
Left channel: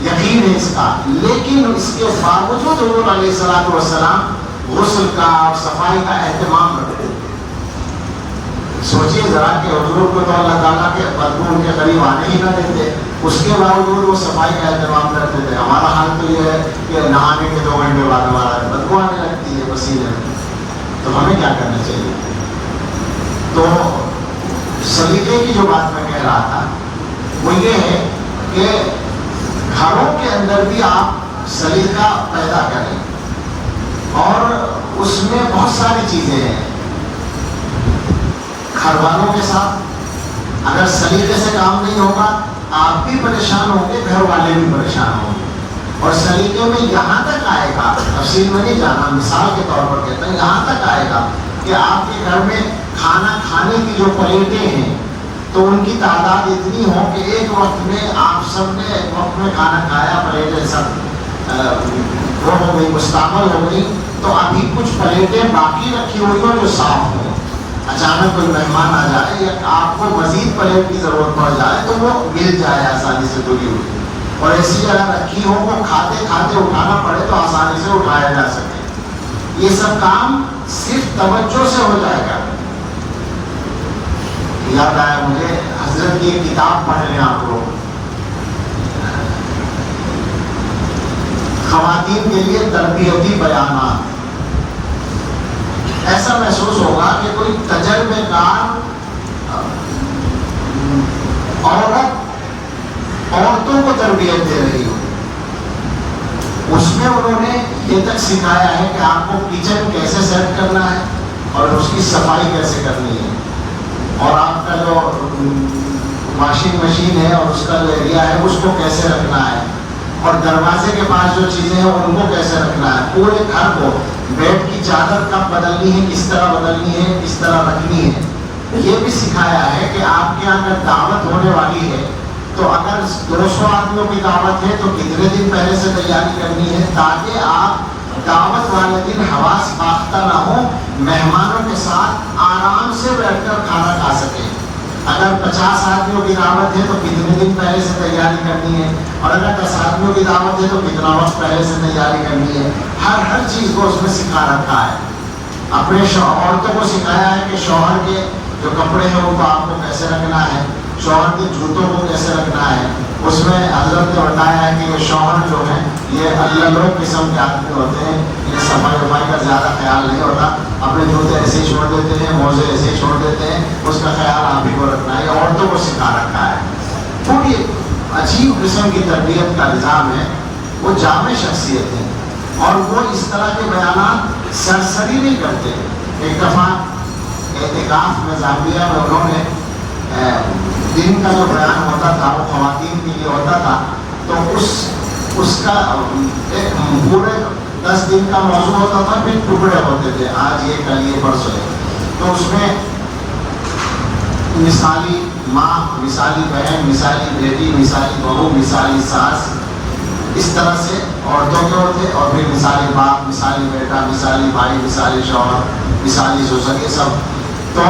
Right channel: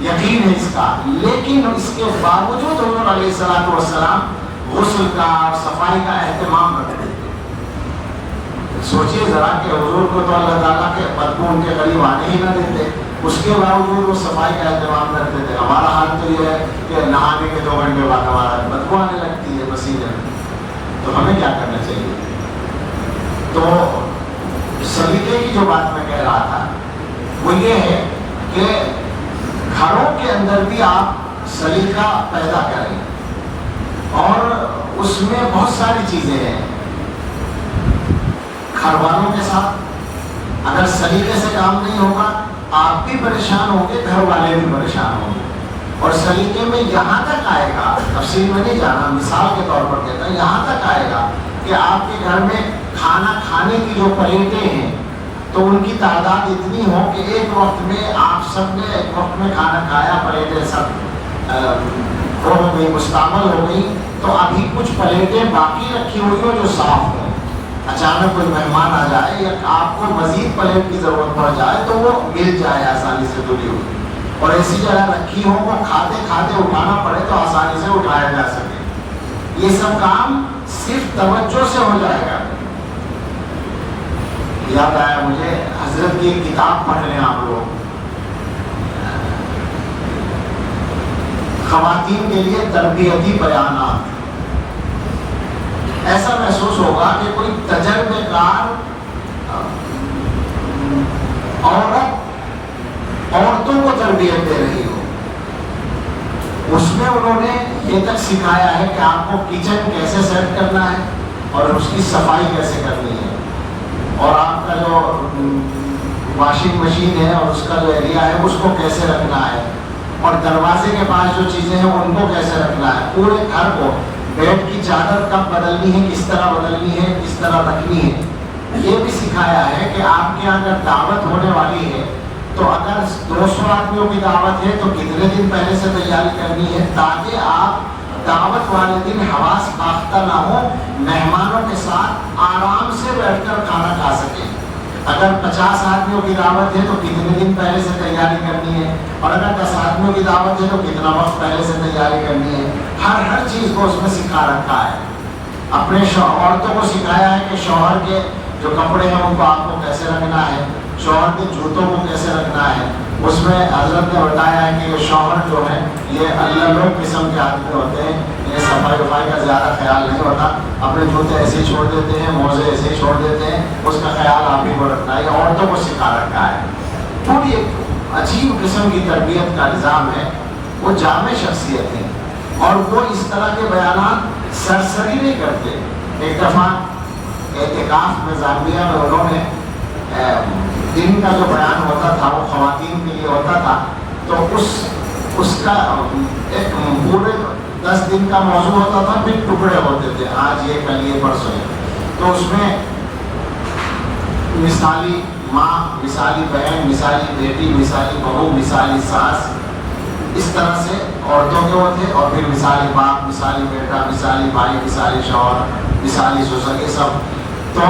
یقین ہے اس کا. لیکن اس کے باوجود حضور علیہ السلام غسل کا اور صفائی کا اہتمام رکھتے تھے. سوچیے ذرا کہ حضور کو تو اللہ تعالیٰ کے بدبو ان کے قریب آنے ہی نہ دیتے، اس کے باوجود وہ صفائی کا اہتمام کرتے تھے. ہمارا حال تو یہ ہے کہ نہانے کے 2 گھنٹے بعد ہمارا بدبو آنے لگتی ہے وسیلے میں. تو ہمیں کیا کرنا چاہیے؟ تو سلیقے کی جو بات میں کہہ رہا تھا وہ یہ ہے کہ گھروں کے اندر بھی آپ سلیقہ پیدا کریں، اور اس میں بہت ساری چیزیں ہیں. گھر والوں کے ساتھ اگر سلیقے سے کام نہیں ہوگا آپ بھی پریشان ہوں گے، گھر والے بھی پریشان ہوں گے. اور سلیقے میں یہاں تک آئے گا، تفصیل میں نہیں جانا، مثال کے طور پر کہتا ہوں، یہاں تک آئے گا کہ آپ کے گھر میں کھانا کھانے کی جو پلیٹیں ہیں تو ان کی تعداد اتنی ہو کہ ایک وقت میں آپ سب نے ایک وقت میں کھانا کھایا، پلیٹیں سب ہو گئی، مستعمل ہو گئی، تو ابھی کچھ پلیٹیں باقی رکھی ہوئی ہوں جو صاف ہوں. اچانک کوئی مہمان آ جائے یا آپ کو مزید پلیٹ کی ضرورت پڑ جائے تو وہ مل جائے آسانی سے جڑی ہوئی، اور ایسی جگہ رکھی ہو وہ کھاتے کھاتے اٹھانا پڑے تو آسانی سے اٹھایا جا سکے. یہ سب کام صرف توجہ سے ہو جائے گا. یاد آیا مجھے حضرت کی ایک کتاب پڑھ رہے ہیں آپ لوگ، خواتین کے لیے تربیتی بیانات. ایسا محسوس ہوگا کہ کوئی تجربے کار عورتوں کو تربیت دے رہی ہو. اس میں انہوں نے یہ تک سکھایا ہے کہ آپ کو کچن کیسے سیٹ کرنا ہے اور اس کی صفائی کیسے کرنی ہے، اور آپ کا جو واشنگ مشین ہے اور اس کا جو ایریا ہے اس کو کیسے رکھنا ہے، اور دروازے کے پاس جو چیزیں ہیں ان کو کیسے رکھنا ہے. پورے گھر کو بیڈ کی چادر کب بدلنی ہے، کس طرح بدلنی ہے، کس طرح رکھنی ہے، یہ بھی سکھایا ہے کہ آپ کے اگر دعوت ہونے والی ہے تو اگر 200 آدمیوں کی دعوت ہے تو کتنے دن پہلے سے تیاری کرنی ہے تاکہ آپ دعوت والے دن حواس باختہ نہ ہو، مہمانوں کے ساتھ آرام اگر 50 آدمیوں کی دعوت ہے تو کتنے دن پہلے سے تیاری کرنی ہے، اور اگر 10 آدمیوں کی دعوت ہے تو کتنا وقت پہلے سے تیاری کرنی ہے. ہر چیز کو اس میں سکھا رکھا ہے. اپنے عورتوں کو سکھایا ہے کہ شوہر کے جو کپڑے ہیں ان کو آپ کو کیسے رکھنا ہے، شوہر کے جوتوں کو کیسے رکھنا ہے. اس میں حضرت نے بتایا ہے کہ یہ شوہر جو ہے یہ اللہ لوگ قسم کے آدمی ہوتے ہیں، یہ صفائی وفائی کا زیادہ خیال نہیں ہوتا، اپنے جوتے ایسے ہی چھوڑ دیتے ہیں، موزے ایسے ہی چھوڑ دیتے ہیں. اس کا خیال آپ ہی کو رکھنا ہے. عورتوں کو سکھا رکھا ہے. تھوڑی عجیب قسم کی تربیت کا نظام ہے. وہ جامع شخصیت ہے اور وہ اس طرح کے بیانات سرسری نہیں کرتے. ایک دفعہ اعتکاف میں زاویہ میں انہوں نے دن کا جو بیان ہوتا تھا وہ خواتین کے لیے ہوتا تھا، تو اس کا ایک پورے 10 دن کا موضوع ہوتا تھا، پھر ٹکڑے ہوتے تھے، آج یہ کل یہ پرسوں یہ. تو اس میں مثالی ماں، مثالی بہن، مثالی بیٹی، مثالی بہو، مثالی ساس، اس طرح سے عورتوں کے ہوتے، اور پھر مثالی باپ، مثالی بیٹا، مثالی بھائی، مثالی شوہر، مثالی سسر، یہ سب. تو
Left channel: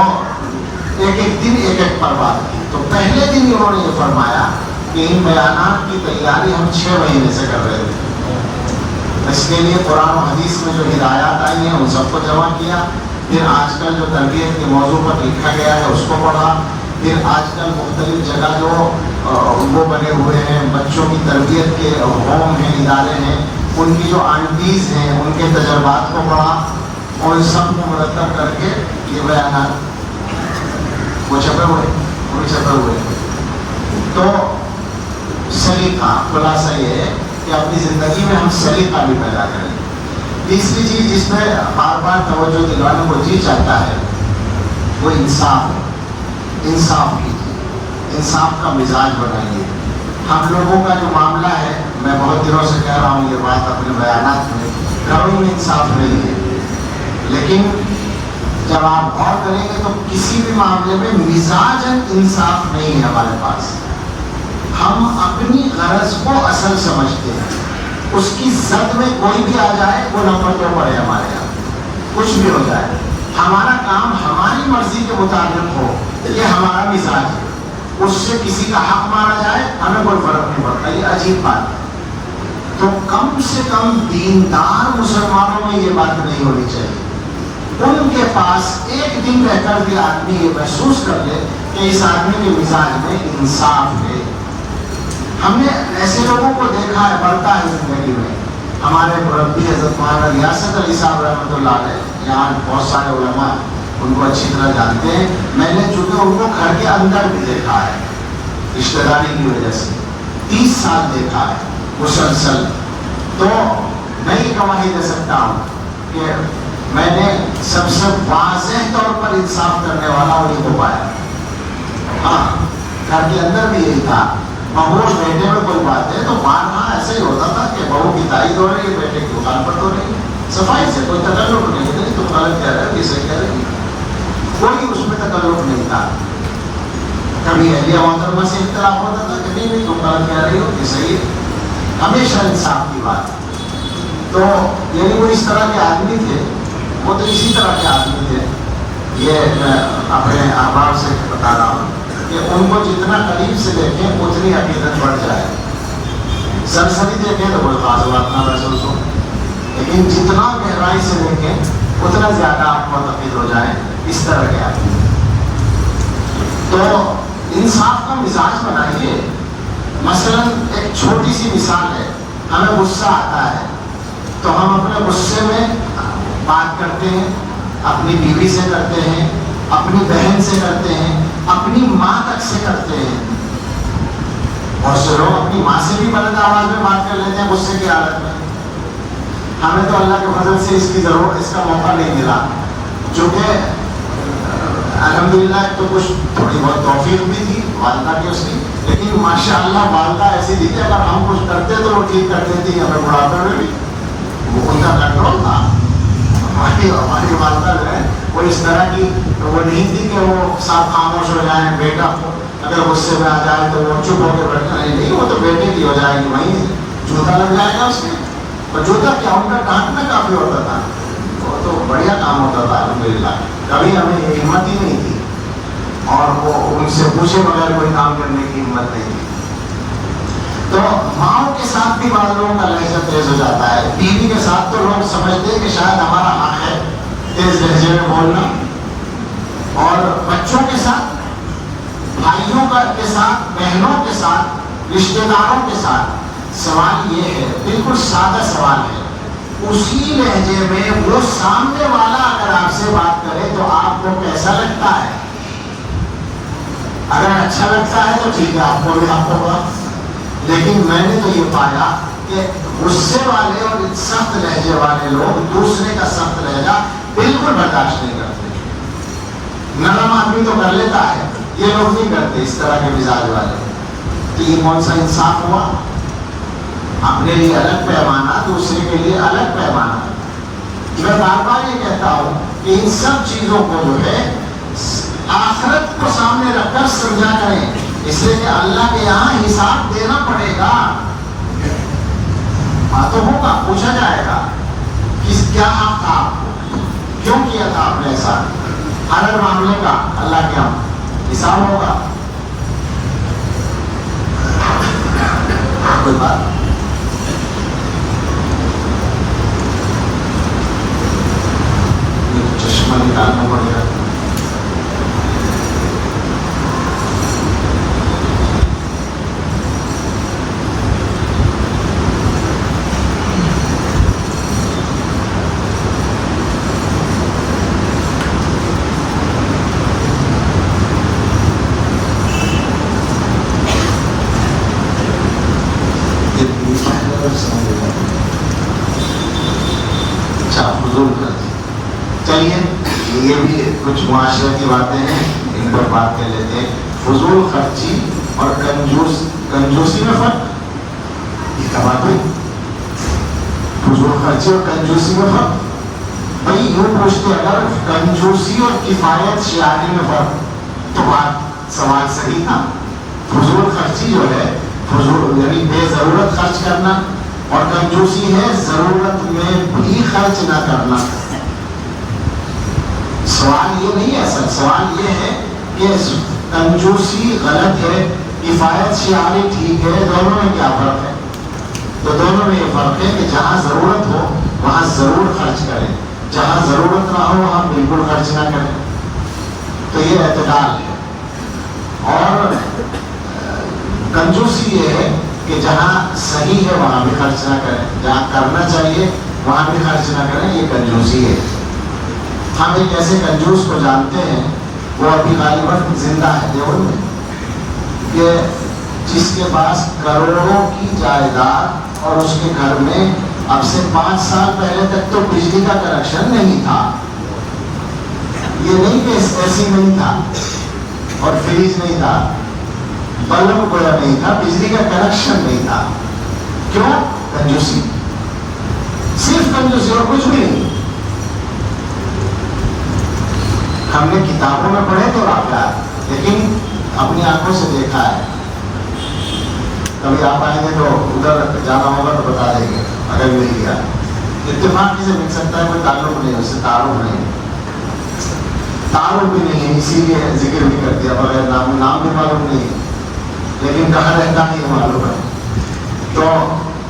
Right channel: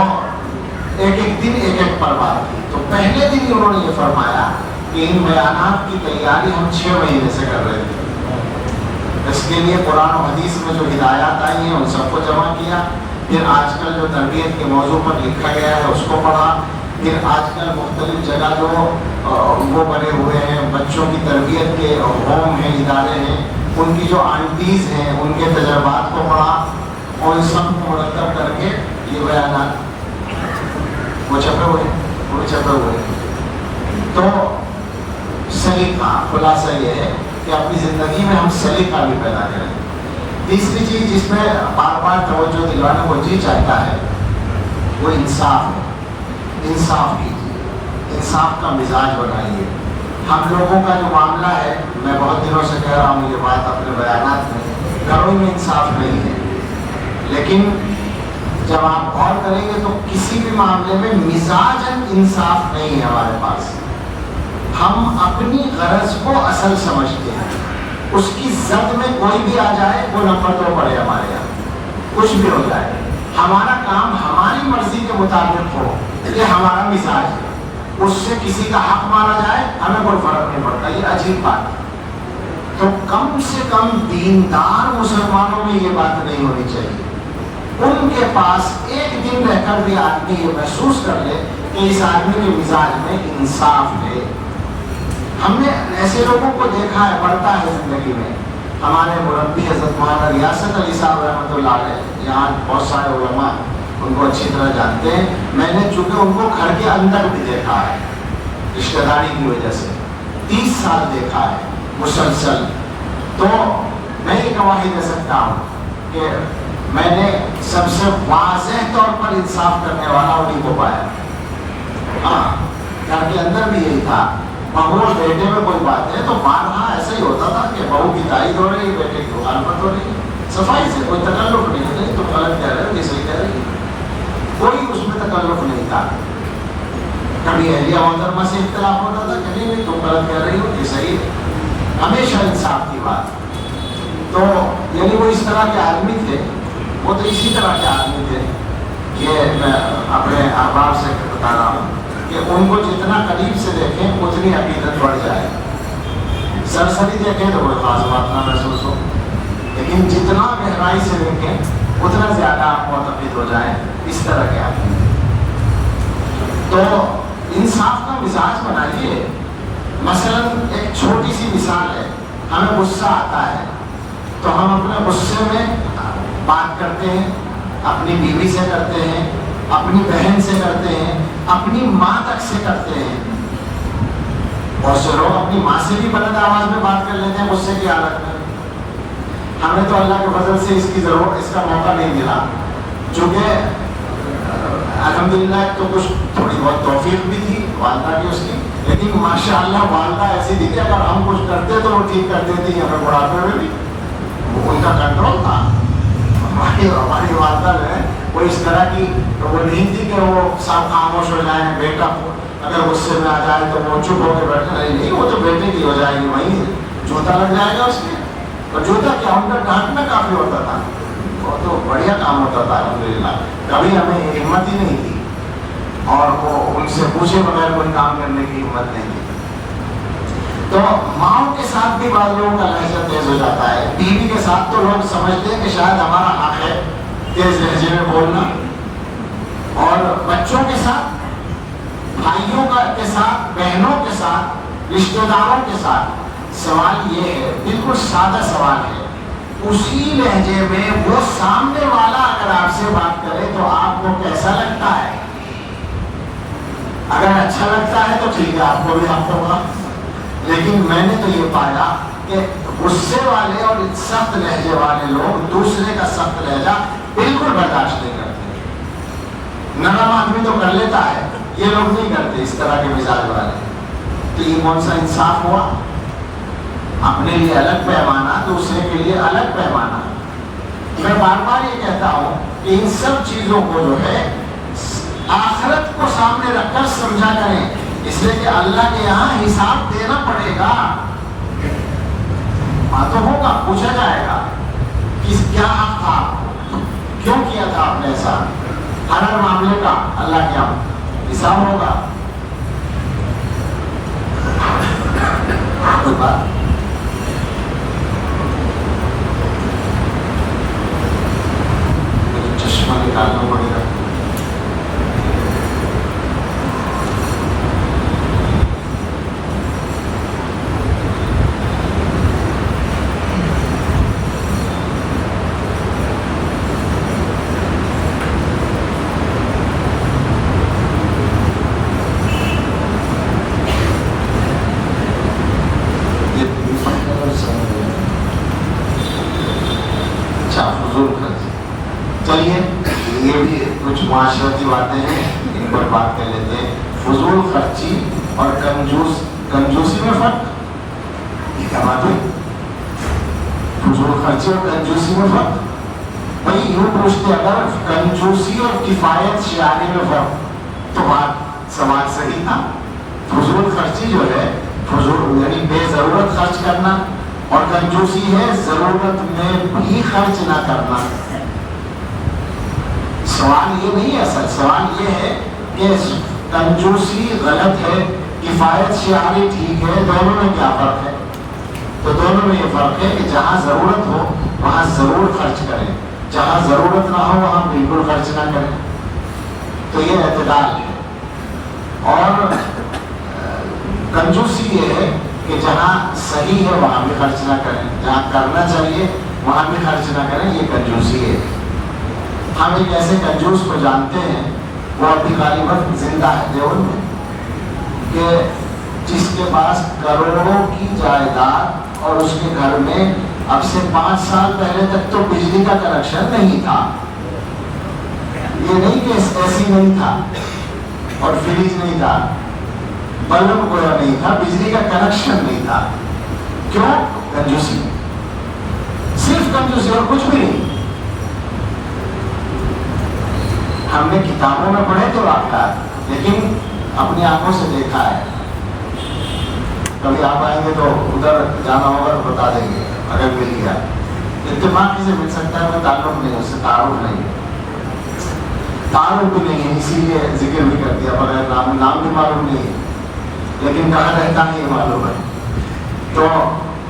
ایک دن ایک پر بات کی. تو پہلے دن انہوں نے یہ فرمایا کہ ان بیانات کی تیاری ہم 6 مہینے سے کر رہے تھے. اس کے لیے قرآن و حدیث میں جو ہدایات آئی ہیں ان سب کو جمع کیا. پھر آج کل جو تربیت کے موضوع پر لکھا گیا ہے اس کو پڑھا. پھر آج کل مختلف جگہ جو وہ بنے ہوئے ہیں بچوں کی تربیت کے ہوم ہیں، ادارے ہیں، ان کی جو آنٹیز ہیں ان کے تجربات کو پڑھا، اور ان سب کو مرتب کر کے یہ بیانات وہ چھپے ہوئے. تو سلیقہ خلاصہ یہ ہے کہ اپنی زندگی میں ہم سلیقہ بھی پیدا کریں. تیسری چیز جس میں بار بار توجہ دلانے کو جی چاہتا ہے وہ انصاف ہے. انصاف کیجیے، انصاف کا مزاج بنائیے. ہم لوگوں کا جو معاملہ ہے، میں بہت دنوں سے کہہ رہا ہوں یہ بات اپنے بیانات میں، گھروں میں انصاف نہیں ہے. لیکن جب آپ غور کریں گے تو کسی بھی معاملے میں مزاجاً انصاف نہیں ہے ہمارے پاس. ہم اپنی غرض کو اصل سمجھتے ہیں. اس کی زد میں کوئی بھی آ جائے وہ نمبر 2 پڑے ہمارے یہاں، کچھ بھی ہو جائے. ہمارا کام ہماری مرضی کے مطابق ہو، یہ ہمارا مزاج ہے. اس سے کسی کا حق مارا جائے ہمیں کوئی فرق نہیں پڑتا. یہ عجیب بات ہے. تو کم سے کم دیندار مسلمانوں میں یہ بات نہیں ہونی چاہیے. ان کے پاس ایک دن رہ کر بھی آدمی یہ محسوس کر لے کہ اس آدمی کے مزاج میں انصاف ہے. ہم نے ایسے لوگوں کو دیکھا ہے، بڑھتا ہے زندگی میں. ہمارے مربی حضرت مولانا ریاست علی صاحب رحمۃ اللہ علیہ، یہاں بہت سارے علماء ان کو اچھی طرح جانتے ہیں. میں نے چونکہ ان کو گھر کے اندر بھی دیکھا ہے رشتہ داری کی وجہ سے، 30 سال دیکھا ہے مسلسل. تو میں یہ گواہی دے سکتا ہوں کہ میں نے سب سے واضح طور پر انصاف کرنے والا انہیں کو پایا. ہاں، گھر کے اندر بھی یہی تھا. بہو بیٹے میں کوئی بات ہے تو بارہا ایسے ہی ہوتا تھا کہ بہو کی تائید ہو رہی ہے، بیٹے کی مخالفت ہو رہی ہے. صفائی سے کوئی تکلف نہیں ہے، تو غلط کہہ رہے ہو، یہ صحیح کہہ رہے ہو، کوئی اس میں تکلف نہیں تھا. کبھی اہلیہ محترمہ سے اختلاف ہوتا تھا کہ نہیں تم غلط کہہ رہی ہو، یہ صحیح ہے. ہمیشہ انصاف کی بات. تو یعنی وہ اس طرح کے آدمی تھے، وہ تو اسی طرح کے آدمی تھے. یہ میں اپنے احباب سے بتا رہا ہوں کہ ان کو جتنا قریب سے دیکھیں اتنی حقیقت بڑھ جائے. سرسری دیکھیں تو کوئی خاص بات نہ محسوس ہو، لیکن جتنا گہرائی سے دیکھیں اتنا زیادہ آپ کو عقید ہو جائے. اس طرح کے آدمی. تو انصاف کا مزاج بنائیے. مثلا ایک چھوٹی سی مثال ہے، ہمیں غصہ آتا ہے تو ہم اپنے غصے میں بات کرتے ہیں، اپنی بیوی سے کرتے ہیں، اپنی بہن سے کرتے ہیں، اپنی ماں تک سے کرتے ہیں. اور سے لوگ اپنی ماں سے بھی بلند آواز میں بات کر لیتے ہیں غصے کی حالت میں. ہمیں تو اللہ کے فضل سے اس کی ضرورت، اس کا موقع نہیں ملا. چونکہ الحمدللہ تو کچھ تھوڑی بہت توفیق بھی تھی والدہ کی اس کی، لیکن ماشاء اللہ والدہ ایسی تھی کہ اگر ہم کچھ کرتے تو وہ ٹھیک کرتے تھی. ہمیں بڑھاپے میں بھی وہ ان کا کنٹرول تھا. ہماری والدہ جو ہے وہ اس طرح کی وہ نہیں تھی کہ وہ سب خاموش ہو جائیں. بیٹا اگر غصے میں آ جائے تو وہ چپ ہو کے بیٹھنا نہیں، وہ تو بیٹے کی ہو جائے گی، وہیں جوتا لگ جائے گا اس کے. اور جوتا کیا ان کا ڈانٹنا کافی ہوتا تھا، وہ تو بڑھیا کام ہوتا تھا الحمدللہ. کبھی ہمیں ہمت ہی نہیں تھی اور وہ ان سے پوچھے بغیر کوئی کام کرنے کی ہمت نہیں تھی. تو ماؤں کے ساتھ بھی بعض لوگوں کا لہجہ تیز ہو جاتا ہے. بیوی کے ساتھ تو لوگ سمجھتے ہیں کہ شاید ہمارا حق ہے تیز لہجے میں بولنا. اور بچوں کے ساتھ، بھائیوں کے ساتھ، بہنوں کے ساتھ، رشتہ داروں کے ساتھ سوال یہ ہے، بالکل سادہ سوال ہے، اسی لہجے میں وہ سامنے والا اگر آپ سے بات کرے تو آپ کو کیسا لگتا ہے؟ اگر اچھا لگتا ہے تو ٹھیک ہے، آپ کو بھی حق ہوگا. لیکن میں نے تو یہ پایا کہ غصے والے اور سخت لہجے والے لوگ دوسرے کا سخت لہجہ بالکل برداشت نہیں کرتے. نرم آدمی تو کر لیتا ہے، یہ لوگ نہیں کرتے اس طرح کے مزاج والے. تو یہ کون سا انصاف ہوا؟ اپنے لیے الگ پیمانہ، دوسرے کے لیے الگ پیمانہ. میں بار بار یہ کہتا ہوں کہ ان سب چیزوں کو جو ہے آخرت کو سامنے رکھ کر سمجھا کریں، اس لیے کہ اللہ کے یہاں حساب دینا پڑے گا. ہاں تو ہوگا، پوچھا جائے گا کیا حق تھا، کیوں کیا تھا آپ نے ایسا. ہر معاملے کا اللہ کے یہاں حساب ہوگا. کوئی بات چشمہ نکالنا پڑے گا. چلیے یہ بھی کچھ معاشرتی باتیں ہیں، ان پر بات کر لیتے ہیں. فضول خرچی اور کنجوسی میں فرق. یہ کیا بات ہے؟ فضول خرچی اور کنجوسی میں فرق. بھائی یوں پوچھتے اگر کنجوسی اور کفایت شعاری میں فرق تو بات سوال صحیح تھا. فضول خرچی جو ہے فضول یعنی بے ضرورت خرچ کرنا، اور کنجوسی ہے ضرورت میں بھی خرچ نہ کرنا. سوال یہ نہیں ہے، اصل سوال یہ ہے کہ کنجوسی غلط ہے، کفایت شعاری ٹھیک ہے، دونوں میں کیا فرق ہے؟ تو دونوں میں یہ فرق ہے کہ جہاں ضرورت ہو وہاں ضرور خرچ کریں، جہاں ضرورت نہ ہو وہاں بالکل خرچ نہ کریں. تو یہ اعتدال ہے. اور کنجوسی یہ ہے کہ جہاں صحیح ہے وہاں بھی خرچ نہ کریں، جہاں کرنا چاہیے وہاں بھی خرچ نہ کریں. یہ کنجوسی ہے. ہم ایک ایسے کنجوس کو جانتے ہیں، وہ ابھی غالباً زندہ ہے دیوبند میں، کہ جس کے پاس کروڑوں کی جائیداد اور اس کے گھر میں اب سے 5 سال پہلے تک تو بجلی کا کنیکشن نہیں تھا. یہ نہیں کہ اے سی نہیں تھا اور فریج نہیں تھا، بلب گویا نہیں تھا، بجلی کا کنیکشن نہیں تھا. کیوں؟ کنجوسی. صرف کنجوسی اور کچھ بھی نہیں. ہم نے کتابوں میں پڑھے تو واقعات، لیکن اپنی آنکھوں سے دیکھا ہے. کبھی آپ آئیں گے تو ادھر جانا ہوگا تو بتا دیں گے اگر مل گیا. اتفاق کسی مل سکتا ہے، کوئی تعلق نہیں ہے اس سے، تعارف نہیں ہے، تعارف بھی نہیں ہے، اسی لیے ذکر بھی کر دیا بغیر نام بھی معلوم نہیں ہے، لیکن کہاں رہتا نہیں معلوم ہے. تو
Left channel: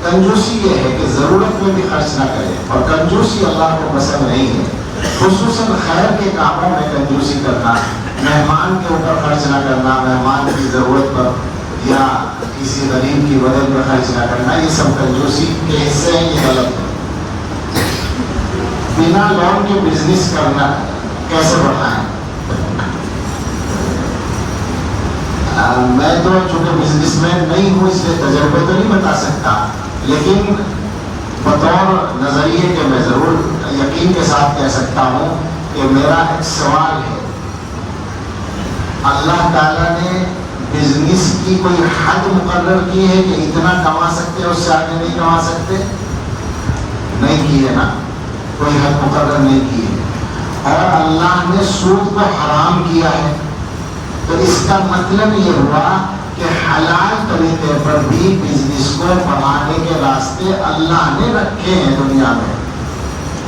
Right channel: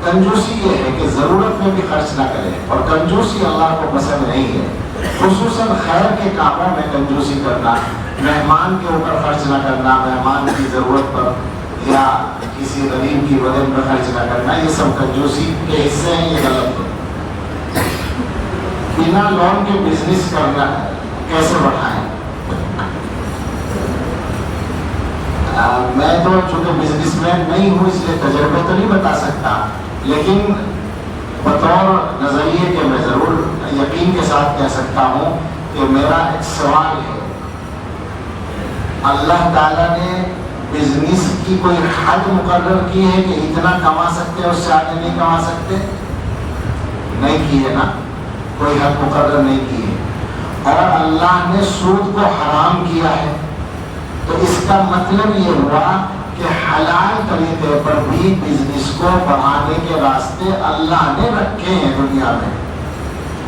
کنجوسی یہ ہے کہ ضرورت میں بھی خرچ نہ کرے، اور کنجوسی اللہ کو پسند نہیں ہے. خصوصاً خیر کے کاموں میں کنجوسی کرنا، مہمان کے اوپر خرچ نہ کرنا، مہمان کی ضرورت پر یا کسی غریب کی وجہ پر خرچ نہ کرنا، یہ سب کنجوسی کے حصے ہیں. یہ غلط ہے. بنا لون کے بزنس کرنا کیسے بڑھائیں؟ میں تو چونکہ بزنس مین نہیں ہوں اس لیے تجربہ تو نہیں بتا سکتا، لیکن بطور نظریے کے میں ضرور یقین کے ساتھ کہہ سکتا ہوں کہ میرا ایک سوال ہے. اللہ تعالیٰ نے بزنس کی کوئی حد مقرر کی ہے کہ اتنا کما سکتے ہیں، اس سے آگے نہیں کما سکتے؟ نہیں کی ہے نا، کوئی حد مقرر نہیں کی ہے. اور اللہ نے سود کو حرام کیا ہے، تو اس کا مطلب یہ ہوا کہ حلال طریقے پر بھی بزنس کو بڑھانے کے راستے اللہ نے رکھے ہیں دنیا میں.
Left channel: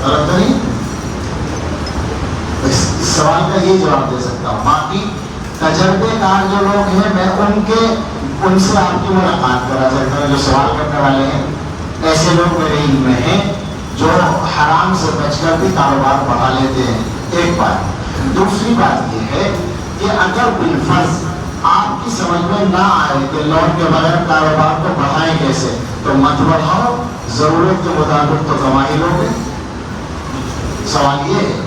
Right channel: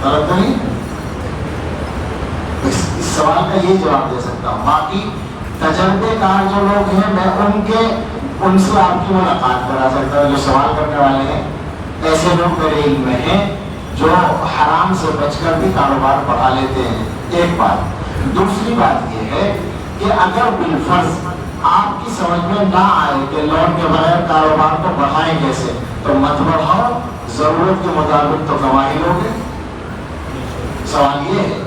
غلط نہیں؟ اس سوال کا یہ جواب دے سکتا ہوں. باقی تجربے کار جو لوگ ہیں میں ان سے آپ کی ملاقات کرا سکتا ہوں. جو سوال کرنے والے ہیں ایسے لوگ میرے علم میں ہیں جو حرام سے بچ کر بھی کاروبار بڑھا لیتے ہیں. ایک بات. دوسری بات یہ ہے کہ اگر بالفرض آپ کی سمجھ میں نہ آئے کہ لون کے بغیر کاروبار کو بڑھائیں کیسے, تو مت بڑھاؤ, ضرورت کے مطابق تو کمائی لوگے. سوال یہ ہے,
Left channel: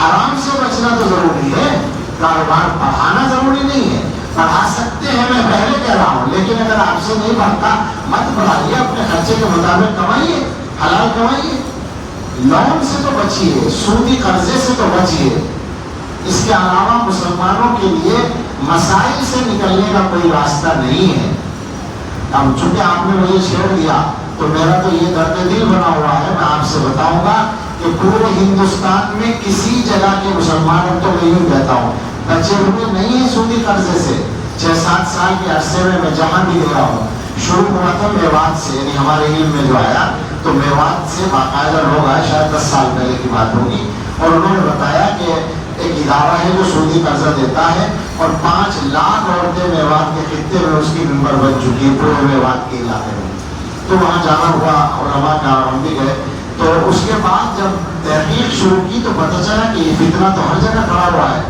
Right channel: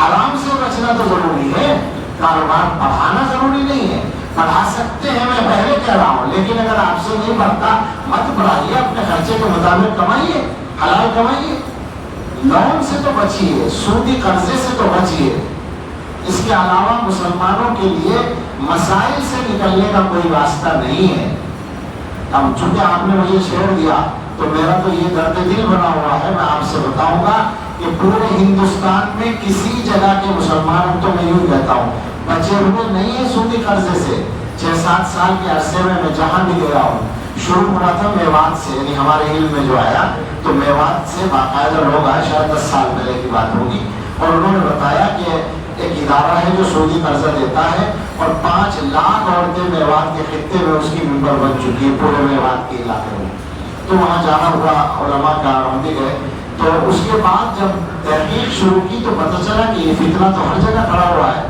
حرام سے بچنا تو ضروری ہے, کاروبار بڑھانا ضروری نہیں ہے. بڑھا سکتے ہیں, میں پہلے کہہ رہا ہوں, لیکن اگر آپ سے نہیں بڑھتا مت بڑھائیے, اپنے خرچے کے مطابق کمائیے, حلال کمائیے. لون سے تو بچیے, سودی قرضے سے تو بچیے. اس کے علاوہ مسلمانوں کے لیے مسائل سے نکلنے کا کوئی راستہ نہیں ہے. چونکہ آپ نے مجھے شیئر دیا تو میرا تو یہ درد دل بنا ہوا ہے. میں آپ سے بتاؤں گا کہ پورے ہندوستان میں کسی جگہ کے مسلمانوں تو میں یوں کہتا ہوں بچے ہوئے نہیں ہیں سودی قرضے سے. 6-7 سال کے عرصے میں جہاں بھی گیا ہوں, شروع ہوا تھا میوات سے, یعنی ہمارے علم میں جو آیا تو میوات سے باقاعدہ لوگ آئے, شاید 10 سال پہلے کی بات ہوگی, اور انہوں نے بتایا کہ ایک ادارہ ہے جو سودی قرضہ دیتا ہے, اور 5 لاکھ عورتیں میوات کے خطے میں اس کی ممبر بن چکی ہے, پورے میوات کے علاقے میں. تو وہاں جانا ہوا, علماء کا ہم بھی گئے. تو اس کے بعد جب تحقیق شروع کی تو پتہ چلا کہ یہ فتنہ تو ہر جگہ کھڑا ہوا ہے.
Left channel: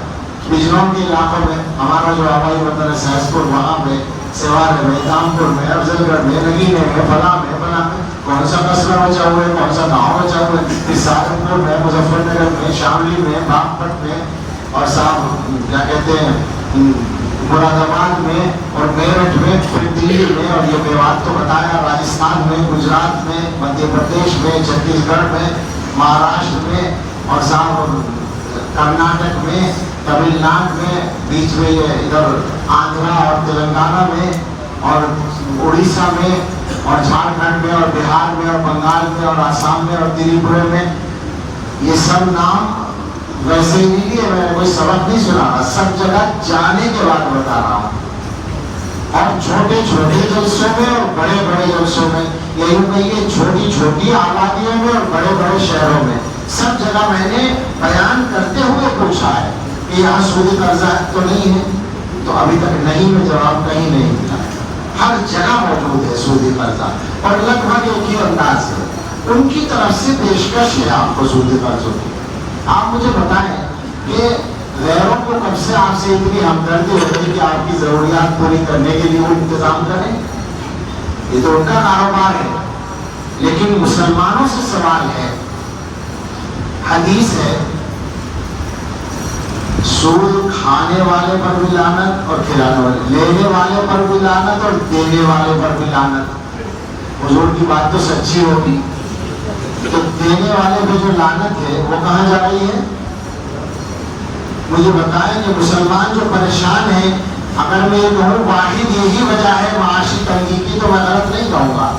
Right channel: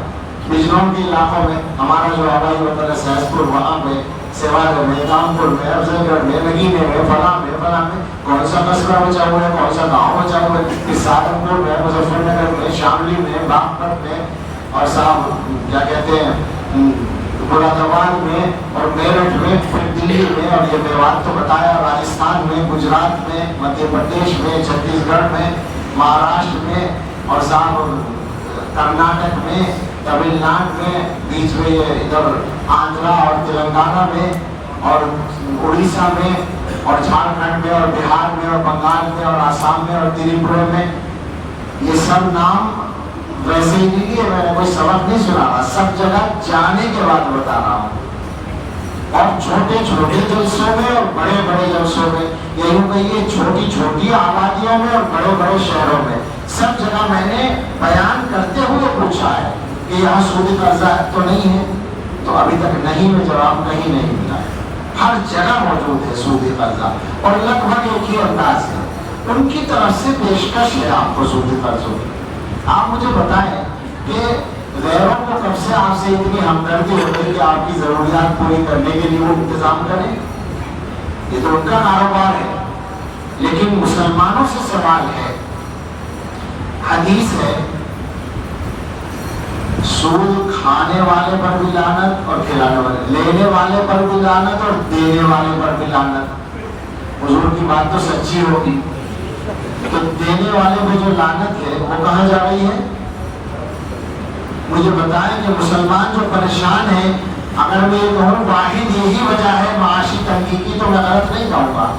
بجنوں کے علاقوں میں, ہمارا جو ہوائی وطن ہے سہسپور, وہاں میں, سیوان میں, دامپور میں, افضل گڑھ میں, نگین میں, فلاں میں, کون سا قصبہ بچا ہوا ہے, کون سا گاؤں بچا ہوا ہے, سہارنپور میں, مظفر نگر میں, شاملی میں, باغپت میں, اور صاحب کیا کہتے ہیں مراد آباد میں, اور میرٹھ میں, پھر دلی میں, اور یہ میوات تو بتایا, راجستھان میں, گجرات میں, مدھیہ پردیش میں, چھتیس گڑھ میں, مہاراشٹر میں, اور صاحب کرناٹک میں, تمل ناڈو میں, بیچ میں ادھر آندھرا اور تلنگانہ میں, اور اڑیسہ میں, اور جھارکھنڈ میں, اور بہار میں, اور بنگال میں, اور آسام میں, اور تریپورہ میں. یہ سب نام ویسے ہی نہیں ہے, میں کوئی سبق نہیں سنا رہا, سب جگہ جانے کے بعد بتا رہا ہوں. اور چھوٹے چھوٹے جلسوں میں اور بڑے بڑے جلسوں میں, یہی کہیے چھوٹی چھوٹی آبادیوں میں اور بڑے بڑے شہروں میں, سب جگہ میں نے بیان کرتے ہوئے پوچھا ہے کہ یہاں سودی قرضہ تو نہیں ہے, تو ابھی تک نہیں میں جواب کہیں نہیں ملا. ہر جگہ موجود ہے سودی قرضہ, اور لگ بھگ ایک ہی انداز ہے. ان کی طرف سے پیشکش ہے آپ کو سودی قرضوں کی. آپ مجھے بتائیں کہ غیروں کو کب سے آپ سے اتنی ہمدردی ہو گئی کہ آپ کی ضروریات پوری کرنے کے لیے وہ انتظام کریں؟ یہ تو ان کا کاروبار ہے. لیکن مسلمانوں سے سوال ہے, حدیث ہے, سود کھانے والے پر بھی لعنت اور کھلانے والے, لینے والے پر بھی لعنت اور دینے والے پر بھی لعنت. حضور کی بات تو سچی ہوگی, تو دینے والے پہ جو لعنت ہے وہ کہاں جا رہی ہے؟ مجھے بتائیں کہ مسلمان جو پریشان ہیں, اگر میں یہ کہوں واحد یہی وجہ ہے معاشی تنگی کی, تو میں غلط نہیں کہوں گا.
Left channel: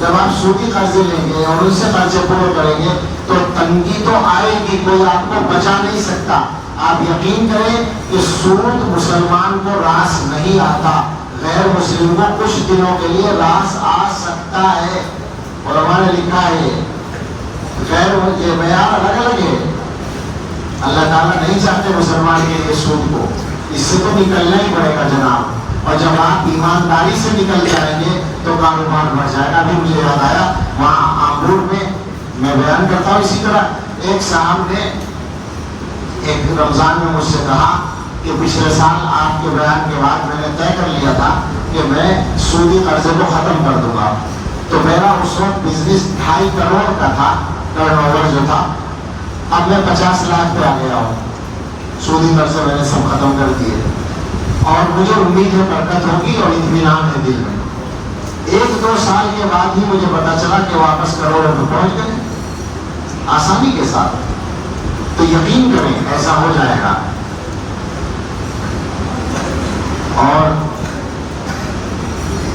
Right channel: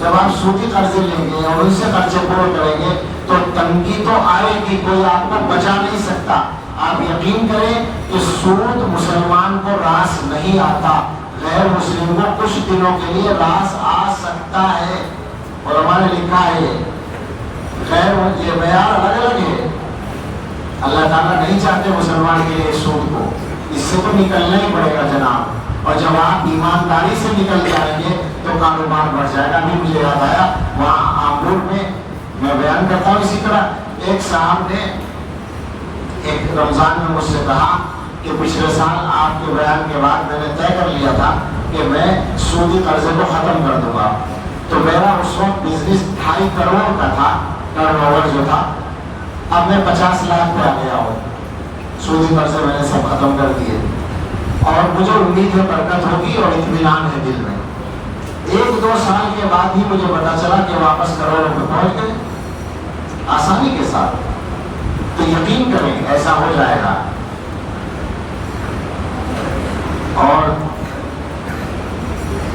جب آپ سودی قرضے لیں گے اور ان سے قرضے پورے کریں گے تو تنگی تو آئے گی, کوئی آپ کو بچا نہیں سکتا. آپ یقین کریں کہ سود مسلمان کو راس نہیں آتا, غیر مسلم کو کچھ دنوں کے لیے راس آ سکتا ہے. اور ہمارے لکھا ہے غیر یہ معیار الگ الگ ہے. اللہ تعالیٰ نہیں چاہتے مسلمان کے لیے سود کو, اس سے تو نکلنا ہی پڑے گا جناب. اور جب آپ ایمانداری سے نکل جائیں گے تو کاروبار بڑھ جائے گا. ابھی مجھے یاد آیا وہاں آمبور میں بیان کرتا ہوں اسی طرح, ایک صاحب نے ایک رمضان میں مجھ سے کہا کہ پچھلے سال آپ کے بیان کے بعد میں نے طے کر لیا تھا کہ میں سودی قرضے کو ختم کر دوں گا. تو میرا اس وقت بزنس 2.5 کروڑ کا تھا, ٹرن اوور جو تھا. اب میں 50 لاکھ پہ آ گیا ہوں, سودی قرضے میں نے سب ختم کر دیے, اور مجھے امید ہے برکت ہوگی اور اطمینان ہے دل میں. 1-2 سال کے بعد ہی مجھے پتا چلا کہ واپس کروڑوں پہ پہنچ گئے آسانی کے ساتھ. تو یقین کریں ایسا ہو جائے گا. اور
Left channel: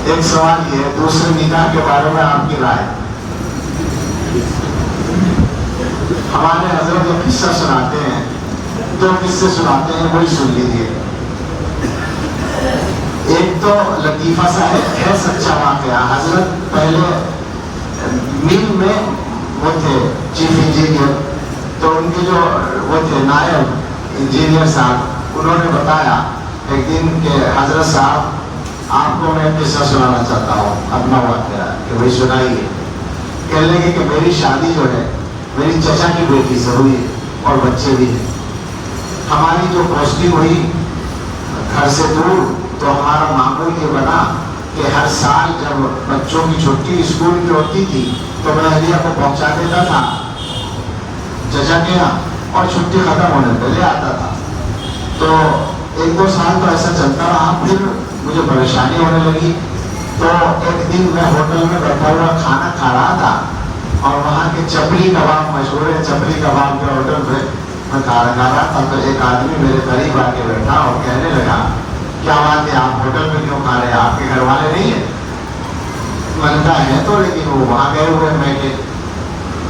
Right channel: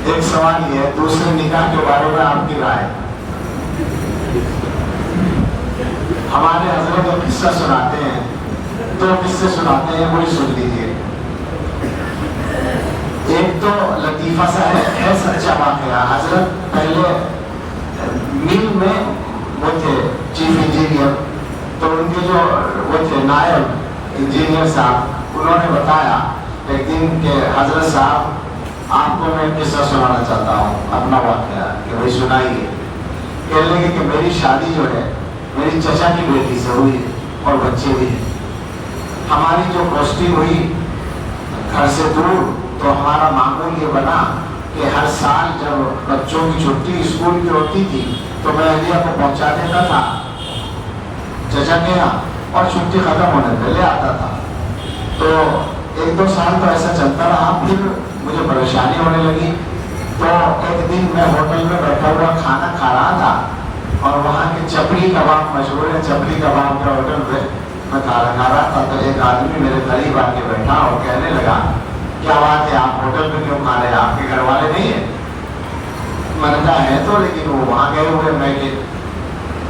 ایک سوال یہ ہے, دوسرے نکاح کے بارے میں آپ کی رائے. ہمارے حضرت ایک قصہ سناتے ہیں, 2 قصے سناتے ہیں, وہی سن لیجیے. ایک تو لطیفہ سا ہے سچا واقعہ. حضرت پہلے مل میں وہ تھے چیف انجینئر, تو ان کے جو وہ تھے نائب انجینئر صاحب, انہوں نے بتایا ایک دن کہ حضرت صاحب آپ کو میں قصہ سنانا چاہتا ہوں اپنا واقعہ کہ بھائی سنائیے. کہنے لگے کہ میری شادی جو ہے میری چچا کی بیٹی سے ہوئی اور بچے بھی. ہماری جو پوسٹنگ ہوئی گھر سے دور تو ہمارا معمول یہ بنا کہ ہر سال جب بچوں کی چھٹی اسکول کی ہوتی تھی تو میں اہلیہ کو پہنچا دیتا تھا چچا کے یہاں اور چھٹی ختم ہونے پہلے آتا تھا. تو 1-2 سال تو ایسا چلتا رہا. پھر مجھے پریشانی ہونے لگی تو ایک دن میں ہوٹل میں بیٹھا ہوا کھانا کھا رہا تھا اور وہاں کے چپڑی کباب مشہور ہے, چپڑی کباب کے ہوٹل پہ میں کھانا کھا رہا تھا. تو ایک آدمی میرے قریب آ کے بیٹھا اور کہنے لگا کیا بات ہے آپ ہوٹل میں کیوں کھا رہے ہیں, آپ کے گھر والے نہیں ہیں؟ میں نے کہا ہے تو لیکن وہ وہاں گئے ہوئے میں کہ.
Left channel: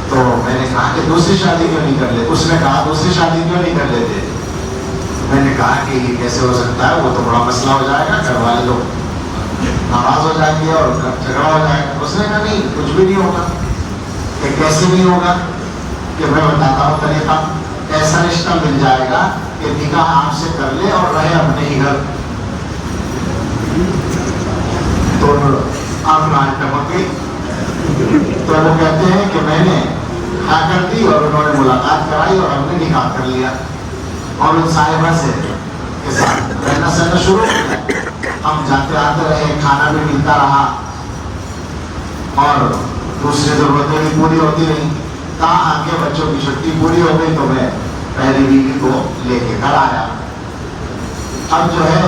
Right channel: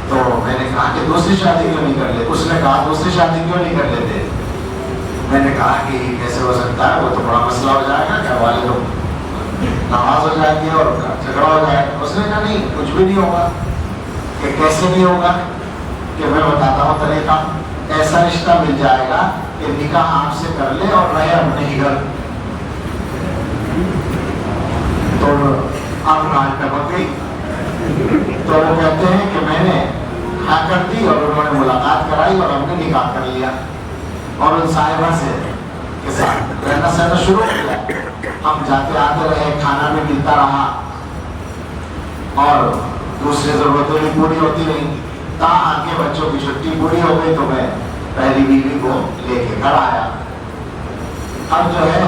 تو میں نے کہا کہ دوسری شادی کیوں نہیں کر لیتے؟ اس نے کہا دوسری شادی کیوں نہیں کر لیتے؟ میں نے کہا کہ کیسے ہو سکتا ہے, وہ تو بڑا مسئلہ ہو جائے گا, گھر والے لوگ ناراض ہو جائیں گے اور جھگڑا ہو جائے گا. اس نے کہا نہیں کچھ بھی نہیں ہوگا. کہ کیسے نہیں ہوگا؟ کہ میں بتاتا ہوں طریقہ. ایسا رشتہ مل جائے گا کہ نکاح آپ سے کر لے اور رہے اپنے ہی گھر. تو آپ نہ ٹپک. تو وہ کہتے ہیں کہ میں نے ہاں کر دی اور انہوں نے ملاقات کرائی اور ہم نے نکاح کر لیا. اور ان صاحبہ سے رہنا سہنا شروع کیا. ہم جاتے آتے رہے, کھانا بھی ملتا رہا اور دوسری ضرورتیں بھی پوری ہوتی رہی. کہاں آ کے بچوں کی چھٹی پوری ہو گئی تو میں پہلی بیوی کو لے کے گھر آیا. اب جو ہے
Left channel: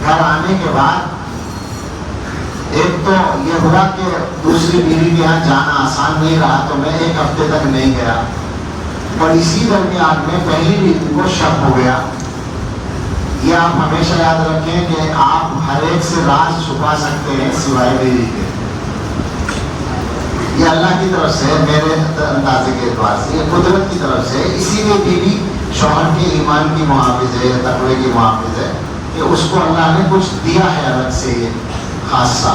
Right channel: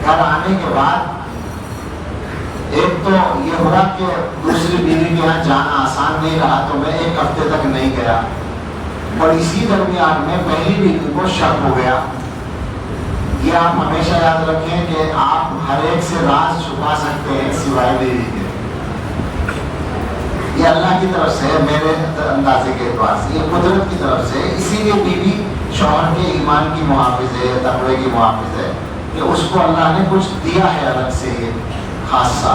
گھر آنے کے بعد ایک تو یہ ہوا کہ دوسری بیوی کے یہاں جانا آسان نہیں رہا تو میں 1 ہفتے تک نہیں گیا. اور اسی درمیان میں پہلی بیوی کو شک ہو گیا. یہ آپ ہمیشہ یاد رکھیں کہ آپ ہر ایک سے راز چھپا سکتے ہیں سوائے بیوی کے. یہ اللہ کی طرف سے, میرے اندازے کے اعتبار سے, یہ قدرت کی طرف سے. اسی لیے بیوی شوہر کے ایمان کی محافظ ہے, تقوی کی محافظ ہے کہ اس کو اللہ نے کچھ دیا ہے الگ سے یہ خاصہ.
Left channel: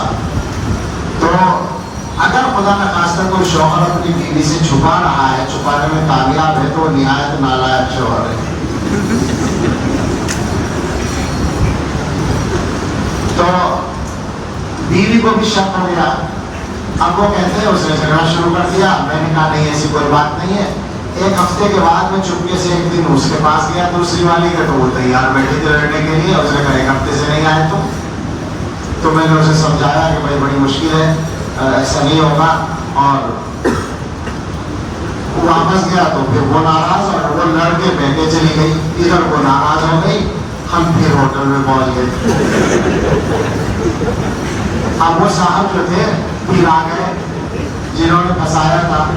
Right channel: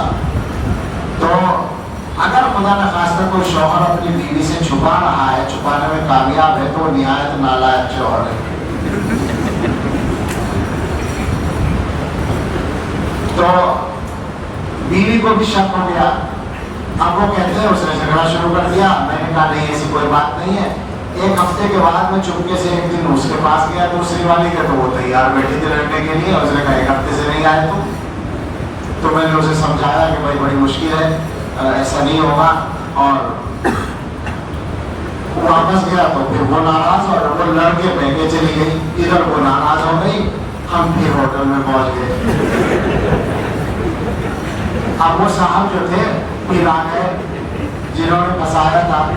تو اگر خدا نہ خاصہ کوئی شوہر اپنی بیوی سے چھپا رہا ہے, چھپانے میں کامیاب ہے تو نہایت نالائق شوہر ہے. تو بیوی کو بھی شک ہو گیا. اب وہ کہتے ہیں اس نے جھگڑا شروع کر دیا. میں نے کہا نہیں ایسی کوئی بات نہیں ہے. 1 ہفتے کے بعد میں چپکے سے ایک دن اس کے پاس گیا دوسری والی کا, تو وہ تیار بیٹھی تھی رہنے کے لیے. اس نے کہا 1 ہفتے سے نہیں آئے تو میں نے اسے سمجھایا کہ بھائی بڑی مشکل ہے, ایسا نہیں ہوگا. اور واپس گیا تو پھر وہ ناراض اور وہ لڑ کے بہنے چلی گئی. ادھر وہ ناراض ہو گئی, ہم پھر ہوٹل میں پہنچ گئے. اب وہ صاحب جو تھے پھر آ گئے جنہوں نے پھنسایا تھا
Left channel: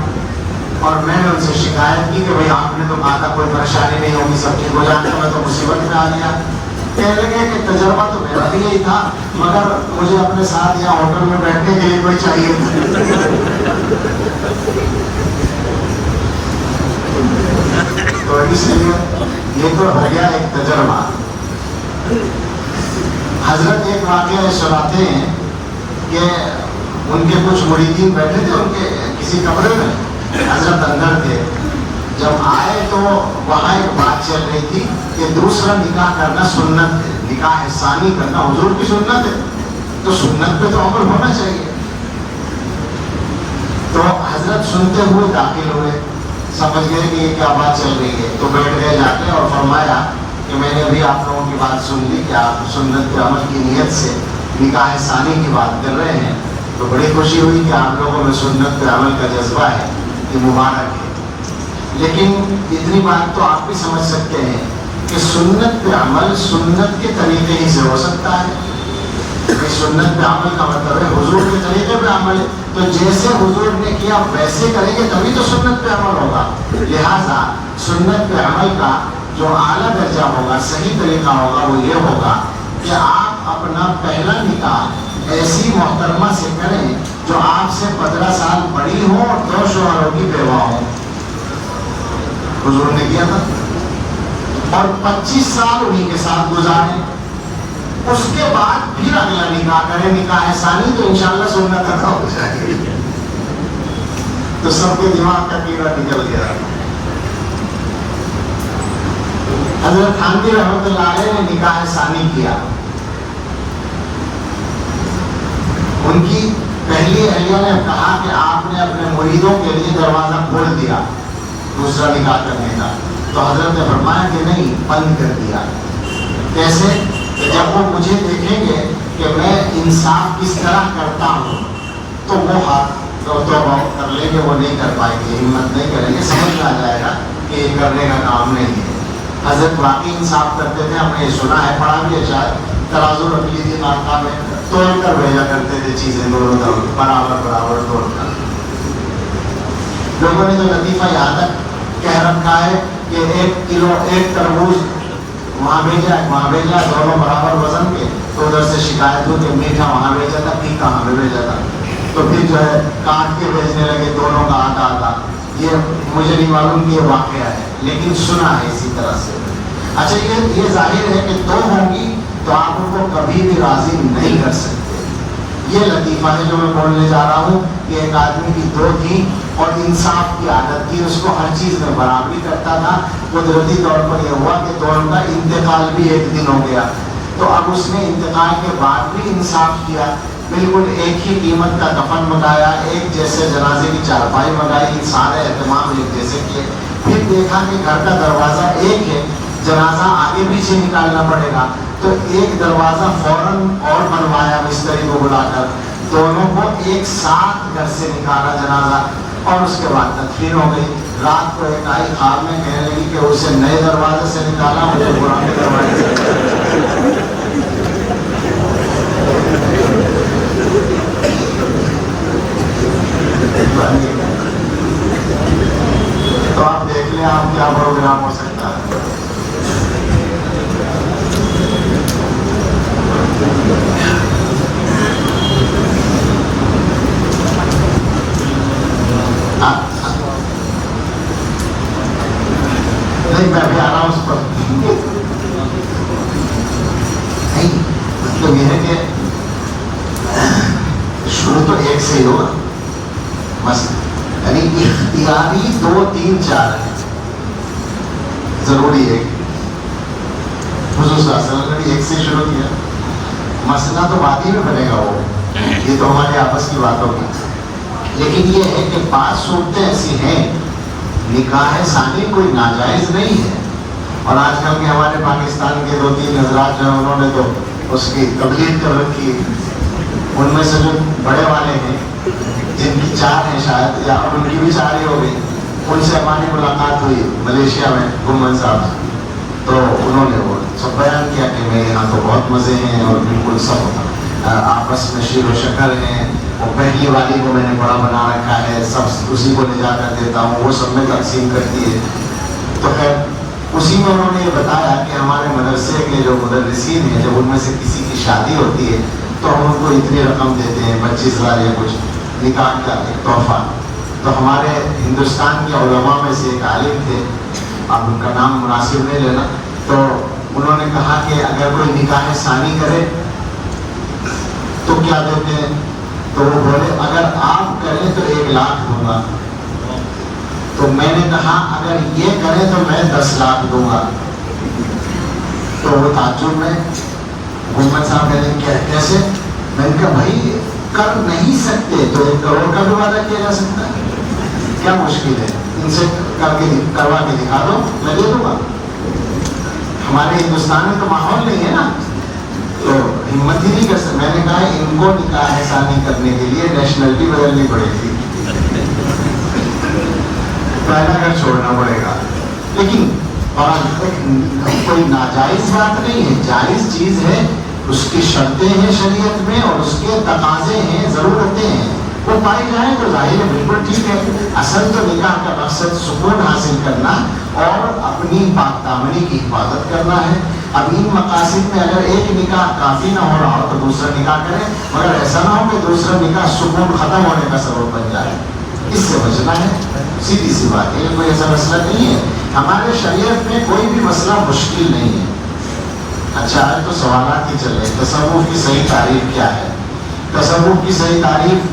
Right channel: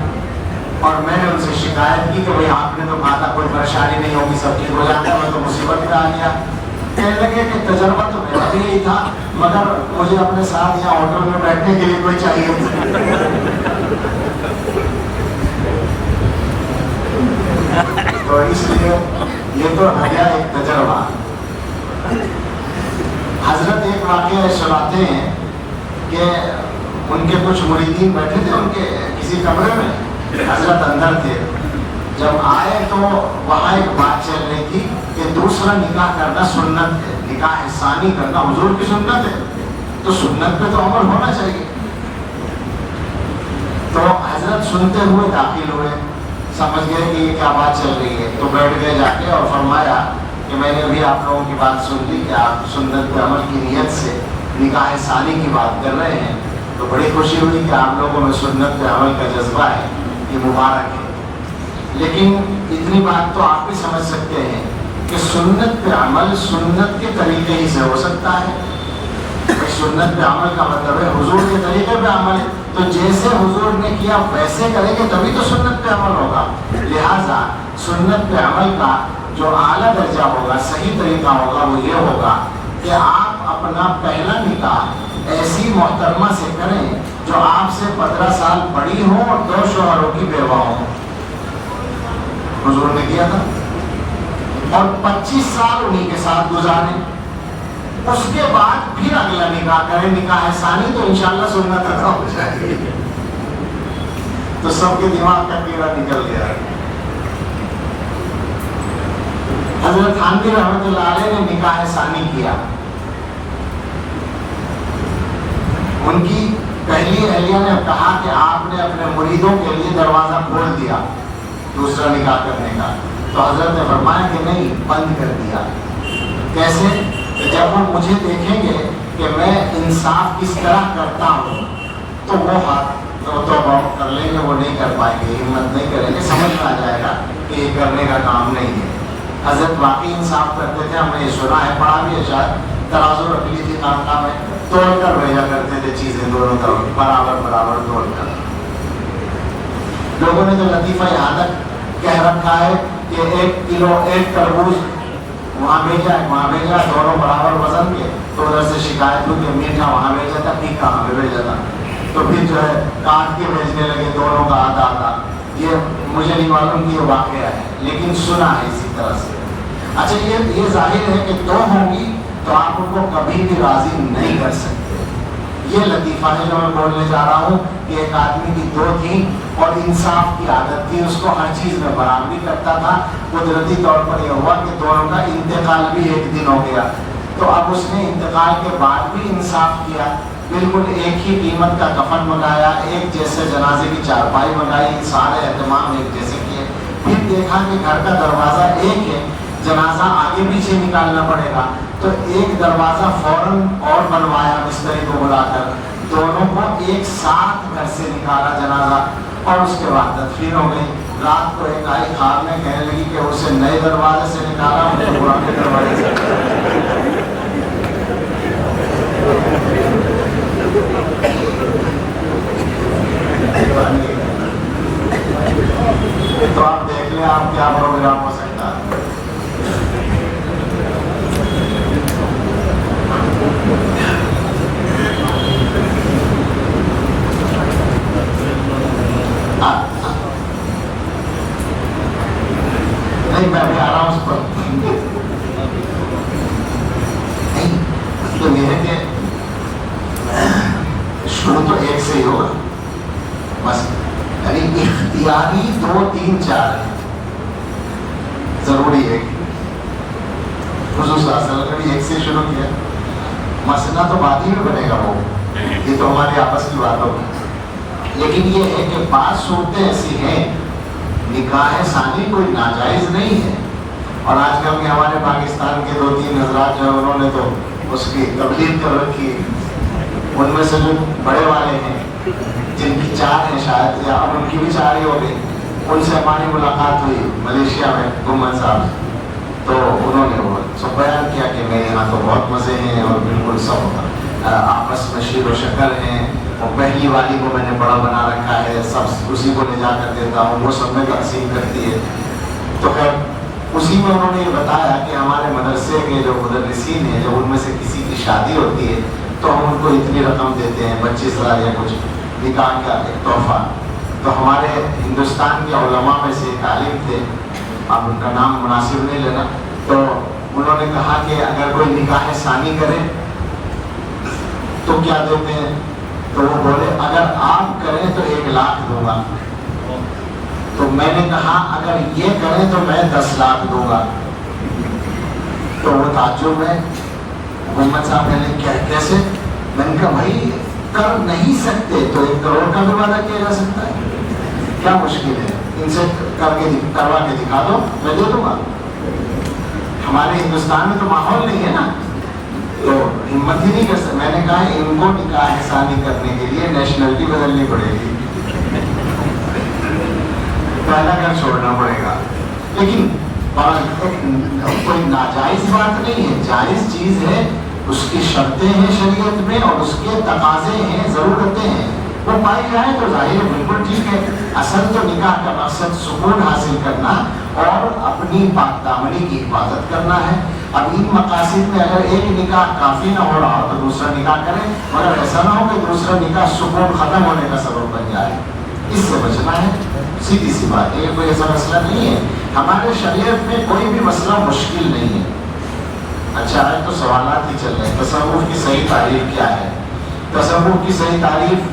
اور میں نے ان سے شکایت کی کہ بھائی آپ نے تو کہا تھا کوئی پریشانی نہیں ہوگی, سب ٹھیک ہو جاتا ہے, میں تو مصیبت میں آ گیا. کہنے لگے کہ تجربہ تو میرا بھی یہی تھا مگر مجھے اپنے ساتھ یہاں ہوٹل میں بیٹھنے کے لیے کوئی چاہیے. تو اس لیے یہ تو ہو گیا ایک تجربہ. حضرت ایک واقعہ سناتے ہیں کہ ان کے کچھ مریدین بیٹھے تھے ان کے کسی کمرے میں, حضرت اندر تھے. جب آئے تو وہاں ایک بات چل رہی تھی کہ دوسرا نکاح کرنا سنت ہے, نکاح ثانی کرنا حضور کی سنت ہے, تو سنت پہ تو عمل ہونا چاہیے. تو حضرت سنتے ہوئے داخل ہوئے, سمجھ گئے کہ یہ کیا بات چل رہی ہے, تو بیٹھ گئے جا کے اور فرمایا کہ میں نے بھی آپ لوگوں کی بات سن لی کہ آپ سنت کے عمل کی نیت سے نکاح ثانی کی بات کر رہے ہیں. تو بڑی خوشی ہوئی کہ آپ لوگوں میں سنت کے عمل کا جذبہ ہے, یہ مبارک ہے. لیکن اتنی بات تو آپ بھی سمجھ سکتے ہیں کہ سنت پہ عمل سنت کے طریقے ہی سے ہو سکتا ہے. سنت پہ عمل کا مطلب ہے حضور کے طریقے پہ عمل. تو جیسے حضور نے کیا ویسے کریں گے تبھی تو سنت پہ عمل ہوگا. لہٰذا سنت پہ عمل کا جو اعلیٰ درجہ ہوگا, صحیح طریقہ ہوگا, وہ یہ ہوگا کہ آپ اپنا پہلا نکاح ایسی محترمہ سے کریں جو آپ سے 15 سال بڑی ہوں اور 2 شوہروں کی بیوہ ہوں. حضور نے کیا تھا. اور 25 سال انہیں کے ساتھ گزارے, اس کے بعد پھر اگلا نکاح کرے, نکاح ثانی, تو انشاءاللہ سنت ادا ہو جائے گی. تو سب کے دماغ کا کیڑا نکل گیا. حضرت تھانوی رحمۃ اللہ علیہ نے نکاح ثانی کیا. ان کی پہلی اہلیہ نے کہا کہ آپ نے اپنے مریدوں کے لیے دروازہ کھول دیا دوسرا نکاح کرنے کا. تو حضرت نے فرمایا کہ نہیں، بند کر دیا. کیسے؟ جب وہ مجھے دیکھیں گے کہ میں انصاف کس طرح کرتا ہوں تو وہ ہاتھ تو کر لیں گے، وہ نہیں کر پائیں گے، ہمت نہیں کریں گے، سمجھ میں آ جائے گا کہ یہ کرنے کا کام نہیں ہے. حضرت باقی انصاف کرتے تھے، ہم نے سنا ہے، پڑھا بھی ہے شاید، ترازو رکھ لی تھی ناکہ میں، توڑ کر بھیجا کرتے تھے چیزیں دونوں طرف برابر توڑ کر. لوگوں نے تو لطیفہ یہاں تک کہہ رکھا ہے کہ 1 کلو 1 تربوز وہاں بھیجا دونوں برابر وزن کے. تو ادھر سے شکایت ہو کہ میٹھا وہاں بھیجا تھا، پھیکا کہاں پہ بھیجا تھا. تو پھر جو ہے کاٹ کے بھیجنے لگے دونوں کا آدھا. یہ مجھے نہیں معلوم کہ یہ واقعہ ہے، لیکن سنا ہے اسی طرح سے. اچھا، یہ ظاہر ہے کہ 2 ہوں گی تو آپ ان کو کبھی بھی راضی نہیں کر سکتے. یہ لطیفہ ہے جو میں بولنے جا رہا ہوں کہ ایک آدمی کی 2 تھی اور انصاف کی عادت تھی، اس کو ہر چیز میں برابری کرتا تھا. قدرتی طور پر یہ ہوا کہ دونوں کا انتقال بھی ایک دن ہو گیا. تو اب اس نے انتقال کے بعد بھی انصاف کیا، بالکل ایک ہی قیمت کا کفن منگایا، ایک جیسے جنازے کی چارپائی منگائی، سارے اہتمام ایک جیسے کیے. پھر دیکھا کہ گھر کا دروازہ ایک ہے، جنازہ آگے پیچھے نکالنا پڑے گا، تو ایک دروازہ فوراً اور بنوایا مستری کو بلا کر، دونوں کو ایک ساتھ گھر سے نکالا جنازہ، اور اس کے بعد تدفین ہو گئی. رات کو ایک آئی خواب میں کہنے لگی کہ اسے نئے دروازے سے نکالا، مجھے پرانے دروازے سے نکالا. تو آپ دیکھ لیں آپ کیا پروگرام ہو سکتا ہے. نہیں، میں بھی آ رہا ہوں اس پر. نہیں تو یہ ہے کہ شروع تو ایک سے ہی ہوگا، بس یعنی اختیاری 2 3 4 ضروری ہے. حضور صلی اللہ علیہ وسلم نے ایک سے شروع کیا، مسئلہ تو بعد ہی میں بنے گا، وہ یہ تو ہمارے آپس کی بات ہوگی. لیکن یہ ہے کہ 5 صورتیں ایسی ہیں، نکاح ثانی کوئی ناجائز نہیں ہے. اور آج کل کے ہمارے پاکستان کے 2 3 حضرات جو انہوں نے تو اس کی تبلیغ کر رکھی ہے. ان میں سے جو بڑے والے ہیں جن کی 4 ہیں شاید، یا اب ان کی بھی 4 ہی ہو گئی، ان سے ہماری ملاقات ہوئی ملیشیا میں گمن صاحب سے. تو انہوں نے وہ سب بیان کیا کہ میں یہاں تو بہت مزے ہیں اور بالکل سب آپس میں شیر و شکل ہیں. اور پہلی والی کو میں نے بڑا بنا رکھا ہے، سب اسی کو لے جا کر دیتا ہوں، وہ سب میں تقسیم کرتی ہے. تو خیر اسی میں انہوں نے یہ بتایا کہ ہمارے مدرسے کے جو مدرسین ہیں، جب ان میں سے کسی کی شادی ہوتی ہے تو ہم ان کو اتنی رقم دیتے ہیں، 25,000 یا کچھ نکاح کا ایک تحفہ. تو ہمارے ہندوستان کے علماء میں سے ایک عالم تھے، اب ان کا نام مناسب نہیں لینا، تو انہوں نے کہا کہ اگر کوئی نکاح ثانی کرے تو کیا دیتے ہیں؟ تو وہ بولے اگر آپ کریں تو 1 لاکھ دوں گا. تو میں نے کہا اگر یہ کریں تو میں 10 لاکھ دوں گا. تو وہ تعجب میں محمد صاحب نے کیا کیسے؟ میں نے کہا بھائی کر نہیں سکتے تو 1 کروڑ کا بھی وعدہ کیا جا سکتا ہے، کیا مشکل ہے؟ ان سے کروا کے دکھا دو، میں دے دوں گا. ہمارے ہندوستان میں تو ماحول نہیں ہے نا، تو ہمت ہی نہیں کر سکتے. میں نے کہا ان کو نکاح ثانی کرنے کے لیے نیشنلٹی بدلنی پڑے گی، پہلا گھر چھوڑنا پڑے گا. لیکن اور کوئی ناجائز بات نہیں ہے، جائز چیز ہے. اس کی شرطیں ہیں شریعت میں اور اس کے تقاضے ہیں، ضرورتیں ہیں. تو پائی جائیں تو ظاہر ہے بالکل ٹھیک ہے. اصل تو نکاح کا مقصد سکون حاصل کرنا اور اپنی پاک دامنی کی حفاظت کرنا ہے. اب ان مقاصد میں اگر ایک نکاح کافی نہ ہو رہا ہو تو دوسرا نکاح کریں، مگر ایسا نہ ہو کہ دوسرا نکاح سکون ختم ہونے کا سبب بن جائے. اس سے بچنا ہے، سیدھی سی بات ہے. کوئی ایسا مسئلہ نہیں ہے. ہمارے شریعت میں کوئی بھی مسئلہ مشکل نہیں ہے. اچھا ہے تو سوالات ہی چل رہے ہیں. تصوف کی صحیح تعریف کیا ہے؟ تصوف کی صحیح تعریف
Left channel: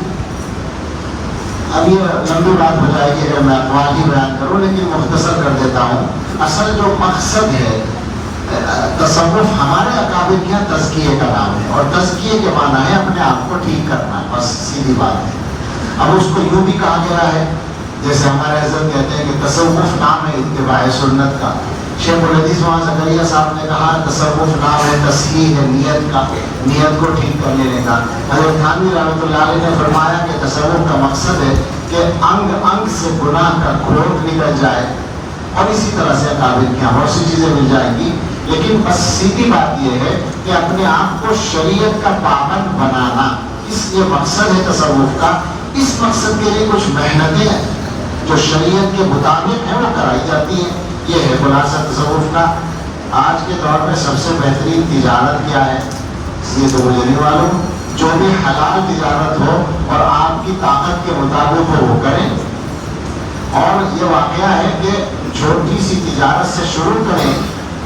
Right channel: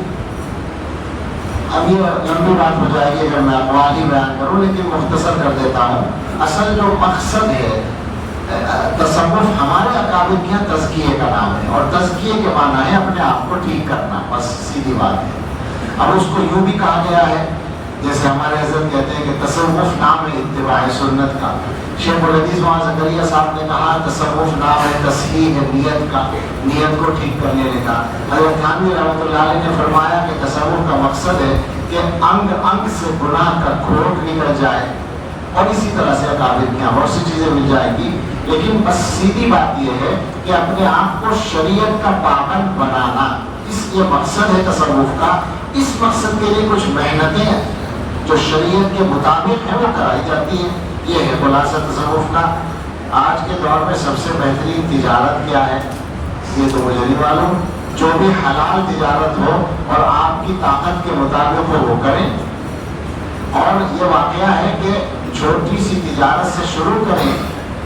اب یہ لمبی بات ہو جائے گی اگر میں اقوال ہی بیان کروں، لیکن مختصر کر دیتا ہوں. اصل جو مقصد ہے تصوف ہمارے اکابر کے تزکیے کا نام ہے، اور تزکیے کے معنی ہے اپنے آپ کو ٹھیک کرنا، بس سیدھی بات ہے۔ اب اس کو یوں بھی کہا گیا ہے، جیسے ہمارے حضرت کہتے ہیں کہ تصوف نام ہے اتباع سنت کا۔ شیخ الحدیث وہاں زکریا صاحب نے کہا تصوف نام ہے تصحیح ہے نیت کا، نیت کو ٹھیک کر لینے کا۔ حضرت تھانوی رحمۃ اللہ علیہ نے فرمایا کہ تصوف کا مقصد ہے کہ انگ انگ سے گناہ کا کھوٹ نکل جائے، اور اسی طرح سے اکابر کی بہت سی چیزیں مل جائیں گی، لیکن بس سیدھی بات یہ ہے کہ اپنے آپ کو شریعت کا پابند بنانا، اس یہ مقصد ہے تصوف کا۔ اس مقصد کے لیے کچھ محنتیں جو شریعت کے مطابق ہیں وہ کرائی جاتی ہیں، یہ ہے خلاصہ تصوف کا۔ آج کے دور میں سب سے بہترین تجارت کیا ہے یہ تو مجھے نہیں معلوم، جو بھی حلال تجارت ہو اور آپ کی طاقت کے مطابق ہو وہ کریں، اور یہ واقعہ ہے کہ چھوٹی سی تجارت سے شروع کریں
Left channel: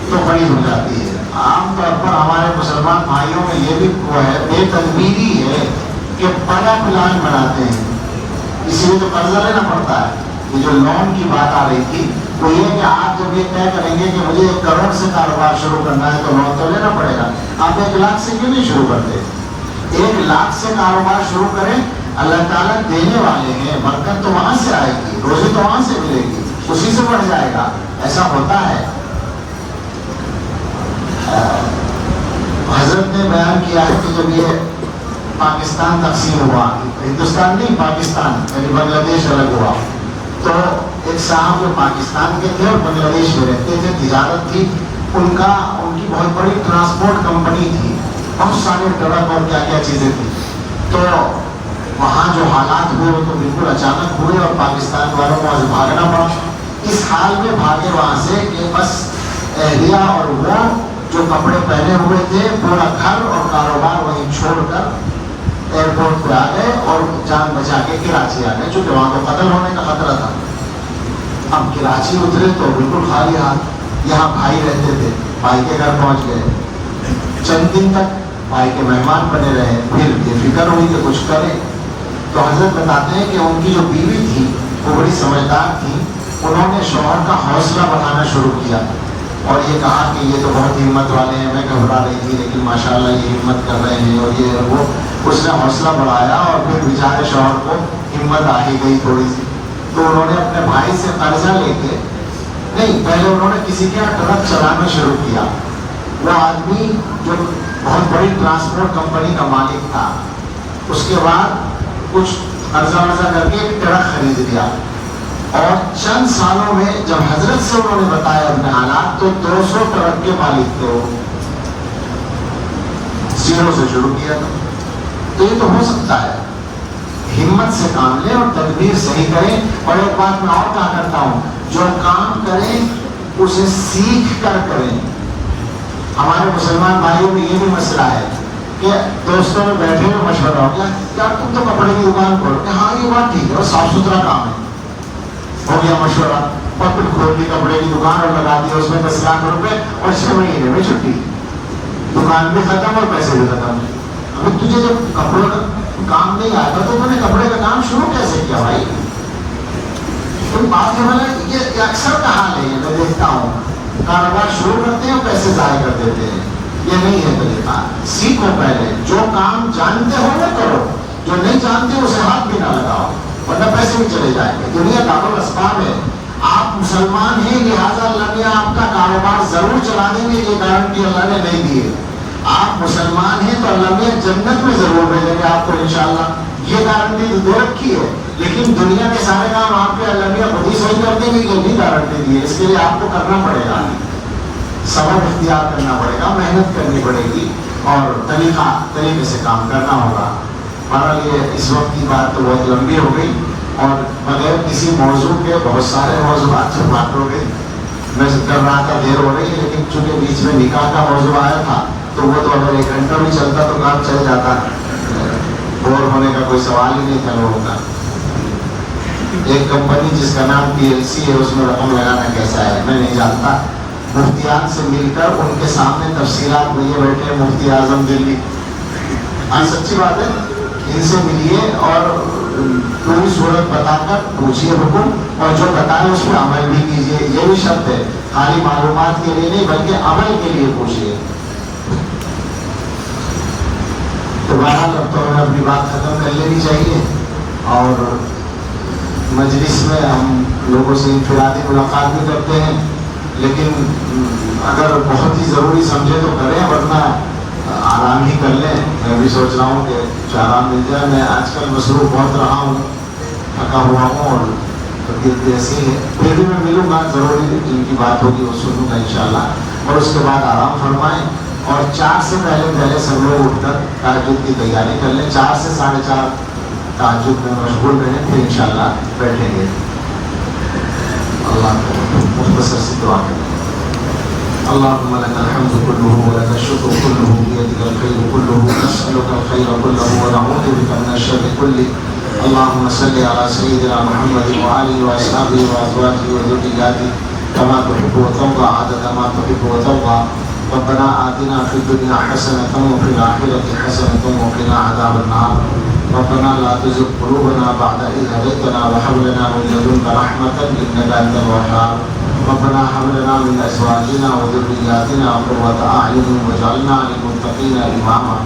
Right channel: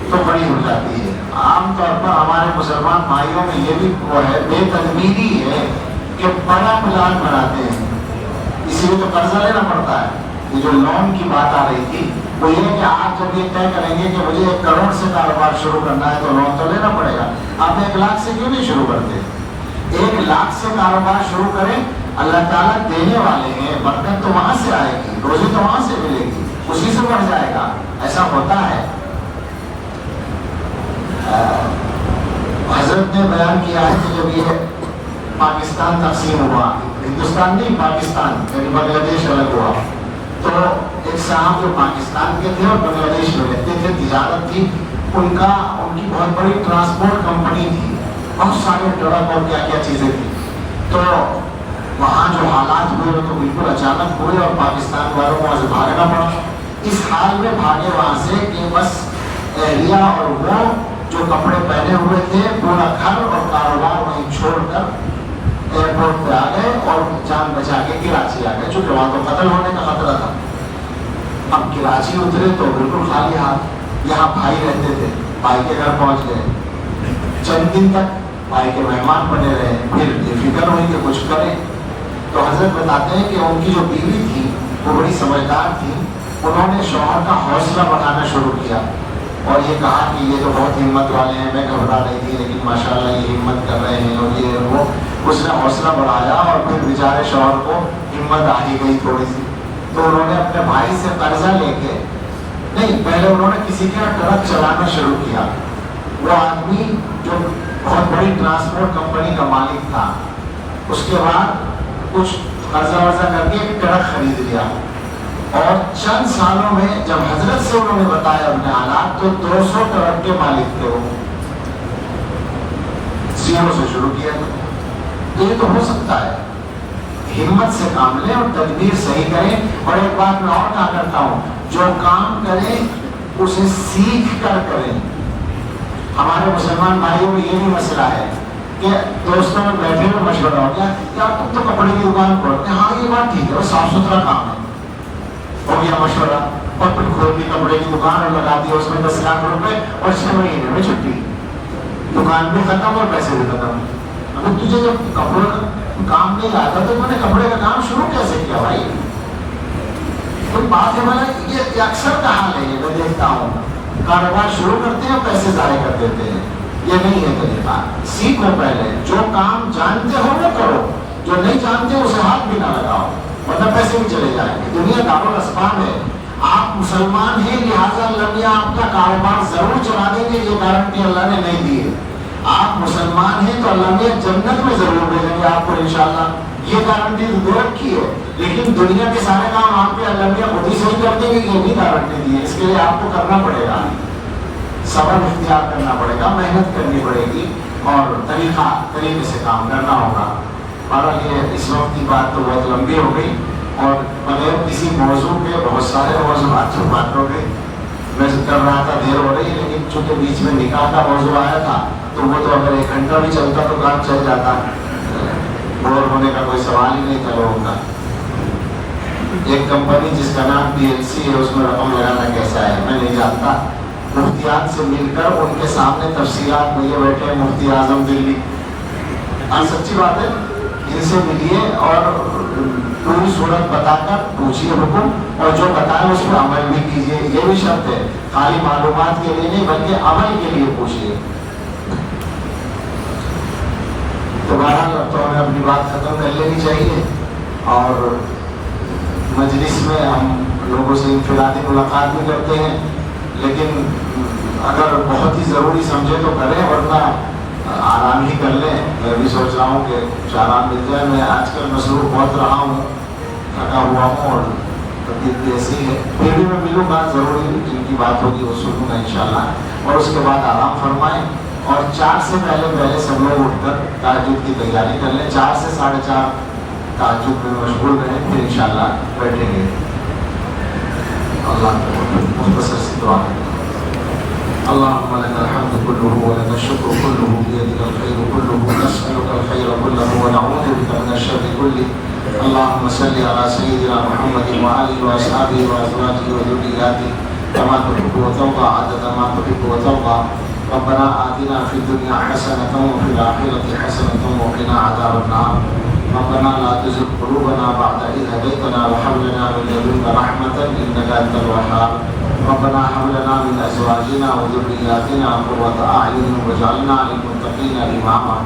تو بڑی ہو جاتی ہے۔ عام طور پر ہمارے مسلمان بھائیوں میں یہ بھی وہ ہے، بے تدبیری ہے کہ بڑا پلان بناتے ہیں، اسی لیے تو قرضہ لینا پڑتا ہے۔ یہ جو لون کی بات آ رہی تھی وہ یہ کہ آپ جب یہ طے کریں گے کہ مجھے 1 کروڑ سے کاروبار شروع کرنا ہے تو لون تو لینا پڑے گا، آپ 1 لاکھ سے کیوں نہیں شروع کرتے؟ 1 لاکھ سے کاروبار شروع کریں، اللہ تعالیٰ دینے والے ہیں، برکت تو وہاں سے آئے گی، روزی تو وہاں سے ملے گی، اسی سے بڑھ جائے گا، ایسا ہوتا ہے۔ حضرت نے بیان کیا ہے کہ جب یہ پاکستان تقسیم ہوا، ہندوستان نہیں پاکستان یعنی بنگلہ دیش الگ ہوا، تو ایک صاحب جو پاکستان کے تھے اور بنگلہ دیش میں رہتے تھے، تجارت تھی ان کی بہت بڑی ٹرانسپورٹ کمپنی تھی، بہت سارے ٹرک اور کیا کیا چیزیں تھیں، تو وہاں جو حالات ہوئے وہ تو بالکل اچانک ہوئے اور پاکستان والوں کو وہاں سے بھاگنا پڑا۔ اس حال میں بھاگے وہاں سے کہ بس اہلیہ اور وہ جو کپڑے پہنے ہوئے تھے پورا گھر اور کاروبار وہیں چھوڑ کر ایئرپورٹ پہ آ گئے اور جان بچا کے کراچی آ گئے، چونکہ وہاں کو قتل ہونے کا خطرہ تھا۔ اب کراچی اترے تو بالکل خالی ہاتھ، یہاں بھائی رہتے تھے، بھائی کے گھر پہنچ گئے، چند دن تک بھائی کے مہمان بنے رہے، پھر بے فکر ہوئی کہ کچھ کریں، تو حضرت بتاتے ہیں کہ ان کی جو بیوی تھی وہ بڑی سمجھدار تھی، انہوں نے شوہر کا حوصلہ بڑھانا شروع کیا اور یہ کہا کہ یہ تو بہت ہمت والے ہیں، میں گھبرا رہی تھی لیکن ماشاءاللہ یہ ہمت کر رہے ہیں، اور یہ وہ اس نے حوصلہ بڑھایا اور پھر بیچارے شوہر کو ہمت آ ہی گئی تھوڑی سی، تو انہوں نے اپنے بھائی سے قرضہ لے کے، نہیں پہلے انہوں نے کسی کے یہاں ٹرک چلانا شروع کیا، وہ آدمی جو بہت بڑی ٹرانسپورٹ کمپنی کا مالک تھا، اس کے بعد کچھ قرضہ ورضہ کر کے ایک ٹرک خرید لیا، اور چند سالوں میں جب حضرت سے انہوں نے بتایا اپنے حالات تو 200 ٹرک کے مالک تھے، وہ زیرو سے شروع کیا تھا۔ تو یہ تو ہو سکتا ہے، ہمت سے کام لیں اور تدبیر صحیح کریں، اور ایک بات میں اور کہا کرتا ہوں، جو کام کریں اسے سیکھ کر کریں۔ ہمارے مسلمان بھائیوں میں یہ بھی مسئلہ ہے کہ دوستوں میں بیٹھے ہوئے مشورہ ہو گیا یار تم تو کپڑے کی دکان کھولتے، ہاں یہ بات ٹھیک ہے اور صاف ستھرا کام ہے، ہو گیا مشورہ، اور پھر کھول دی کپڑے کی دکان اور لگا دیا اس میں 10 لاکھ روپے اور 6 مہینے میں چھٹی، دکان بھی ختم اور پیسے بھی ختم۔ اب تجھے جب کپڑوں کا کام نہیں آتا تو تم نے کپڑے کا کام شروع کیسے کیا بھائی؟ تم بات ہے یہ اکثر کا حال ہے، میں دیکھتا ہوں کاروبار شروع کرتے ہیں اور پیسے ضائع کر دیتے ہیں، یہ نہیں ہے طریقہ۔ سیکھو پہلے، جو کام جانتے ہو وہ کرو، جو نہیں جانتے اسے ہاتھ بھی نہ لگاؤ ورنہ پیسے بھی چلے جائیں گے۔ دنیا دارالاسباب ہے، آپ مسلمان ہیں لہٰذا اللہ نے آپ کا کاروبار ضرور چلا دیں گے، یہ گارنٹی اللہ نے نہیں دی ہے۔ آپ مسلمان ہیں تو اللہ نے جنت میں ضرور بھیجیں گے آپ کو انشاءاللہ، یہ گارنٹی تو دے رکھی ہے، لیکن دنیا کے سارے کام آپ کے اللہ نے خود ہی صحیح کر دیں گے، یہ بھی گارنٹی دی ہے۔ اس کے لیے آپ کو کرنا پڑے گا، صبر اختیار کرنا پڑے گا، محنت کرنی پڑے گی اور طریقے سے کام کرنا ہوگا۔ ہمارا یہ اس وقت کی بات تو بہت لمبی ہو گئی اور بغیر کسی موضوع کے بہت سارے موضوعات پر بات ہو گئی، میں کر رہا تھا دیر ہو رہی، لیکن چونکہ بیچ میں نکاح کا موضوع آیا تھا تو وہ تو اگر 1 گھنٹہ بھی چلتا تو کام چل جاتا، بور ہونے کا کوئی سوال ہی نہیں تھا لوگوں کا۔ ایک کمپنی جس کا نام PLC ہے اس میں رقم لگانا کیسا ہے میں نہیں جانتا، مفتیان سے مل کر ان کے سامنے تفصیلات لیے بیٹھے مفتی اعظم دلی، ہاں سچی بات ہے، ان سے ملیے اور پوری صورت بتا کر پوچھیے حکم، اور جو بتائے اس پہ عمل بھی کیجیے، یہ بھی شرط ہے۔ خالی معلومات کے لیے نہیں بلکہ عمل کے لیے پوچھیے. تو بہرحال اب تو ہمیں اپنی بات ختم کر لینی چاہیے، اور مجلس میں ہم لوگوں سے انفرادی ملاقات بھی کرتے ہیں، لیکن اگر بہت ہی ضروری سمجھے تو کریں، ورنہ آرام ہی کر لیں. میں بھی سوچ رہا ہوں کہ کچھ آرام مل جائے. میں آج کل مصروف بہت رہا ہوں، تھکا ہوا ہوں اور طبیعت ایسی ہے. پھر بھی میں ملوں گا، ضروری جن کی بات ہوگی وہ سنوں گا انشاءاللہ. اور اس کے بعد آرام فرمائیں، اور 4 سے پہلے سب لوگ اٹھ کر تہجد کی تیاری کر لیں. 4 سے 4:30 تہجد میں مشغول رہیں، پھر انشاءاللہ بیٹھیں گے. اللہ مختصر سی دعا. اللهم لك الحمد كله ولك الشكر كله بيدك الخير كله نسألك الخير كله ونعوذ بك من الشر كله. اللهم صل على سيدنا محمد وعلى وأصحابه وأزواجه وذرياته كما تحب وترضى عدد ما تحب وترضى. ربنا آتنا في الدنيا حسنة وفي الآخرة حسنة وقنا عذاب النار. ربنا لا تزغ قلوبنا بعد إذ هديتنا وهب لنا من لدنك رحمة إنك أنت الوهاب. ربنا هب لنا من أزواجنا وذرياتنا قرة أعين واجعلنا للمتقين إماما.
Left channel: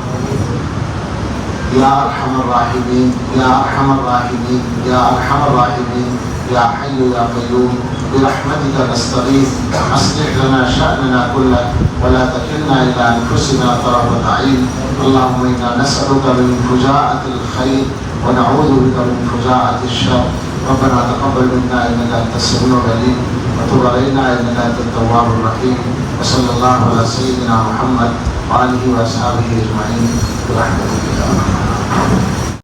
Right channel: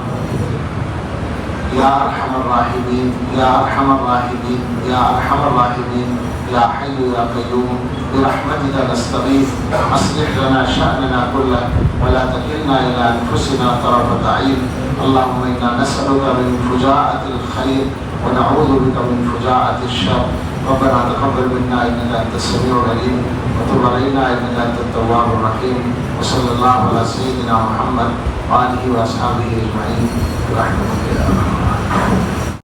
يا أرحم الراحمين يا أرحم الراحمين يا أرحم الراحمين يا حي يا قيوم برحمتك نستغيث. أصلح لنا شأننا كله ولا تكلنا إلى أنفسنا طرفة عين. اللهم إنا نسألك من فجاءة الخير ونعوذ بك من فجاءة الشر. ربنا تقبل منا إنك أنت السميع العليم وتب علينا إنك أنت التواب الرحيم. وصلى الله على سيدنا محمد وآله وأصحابه أجمعين برحمتك يا رب.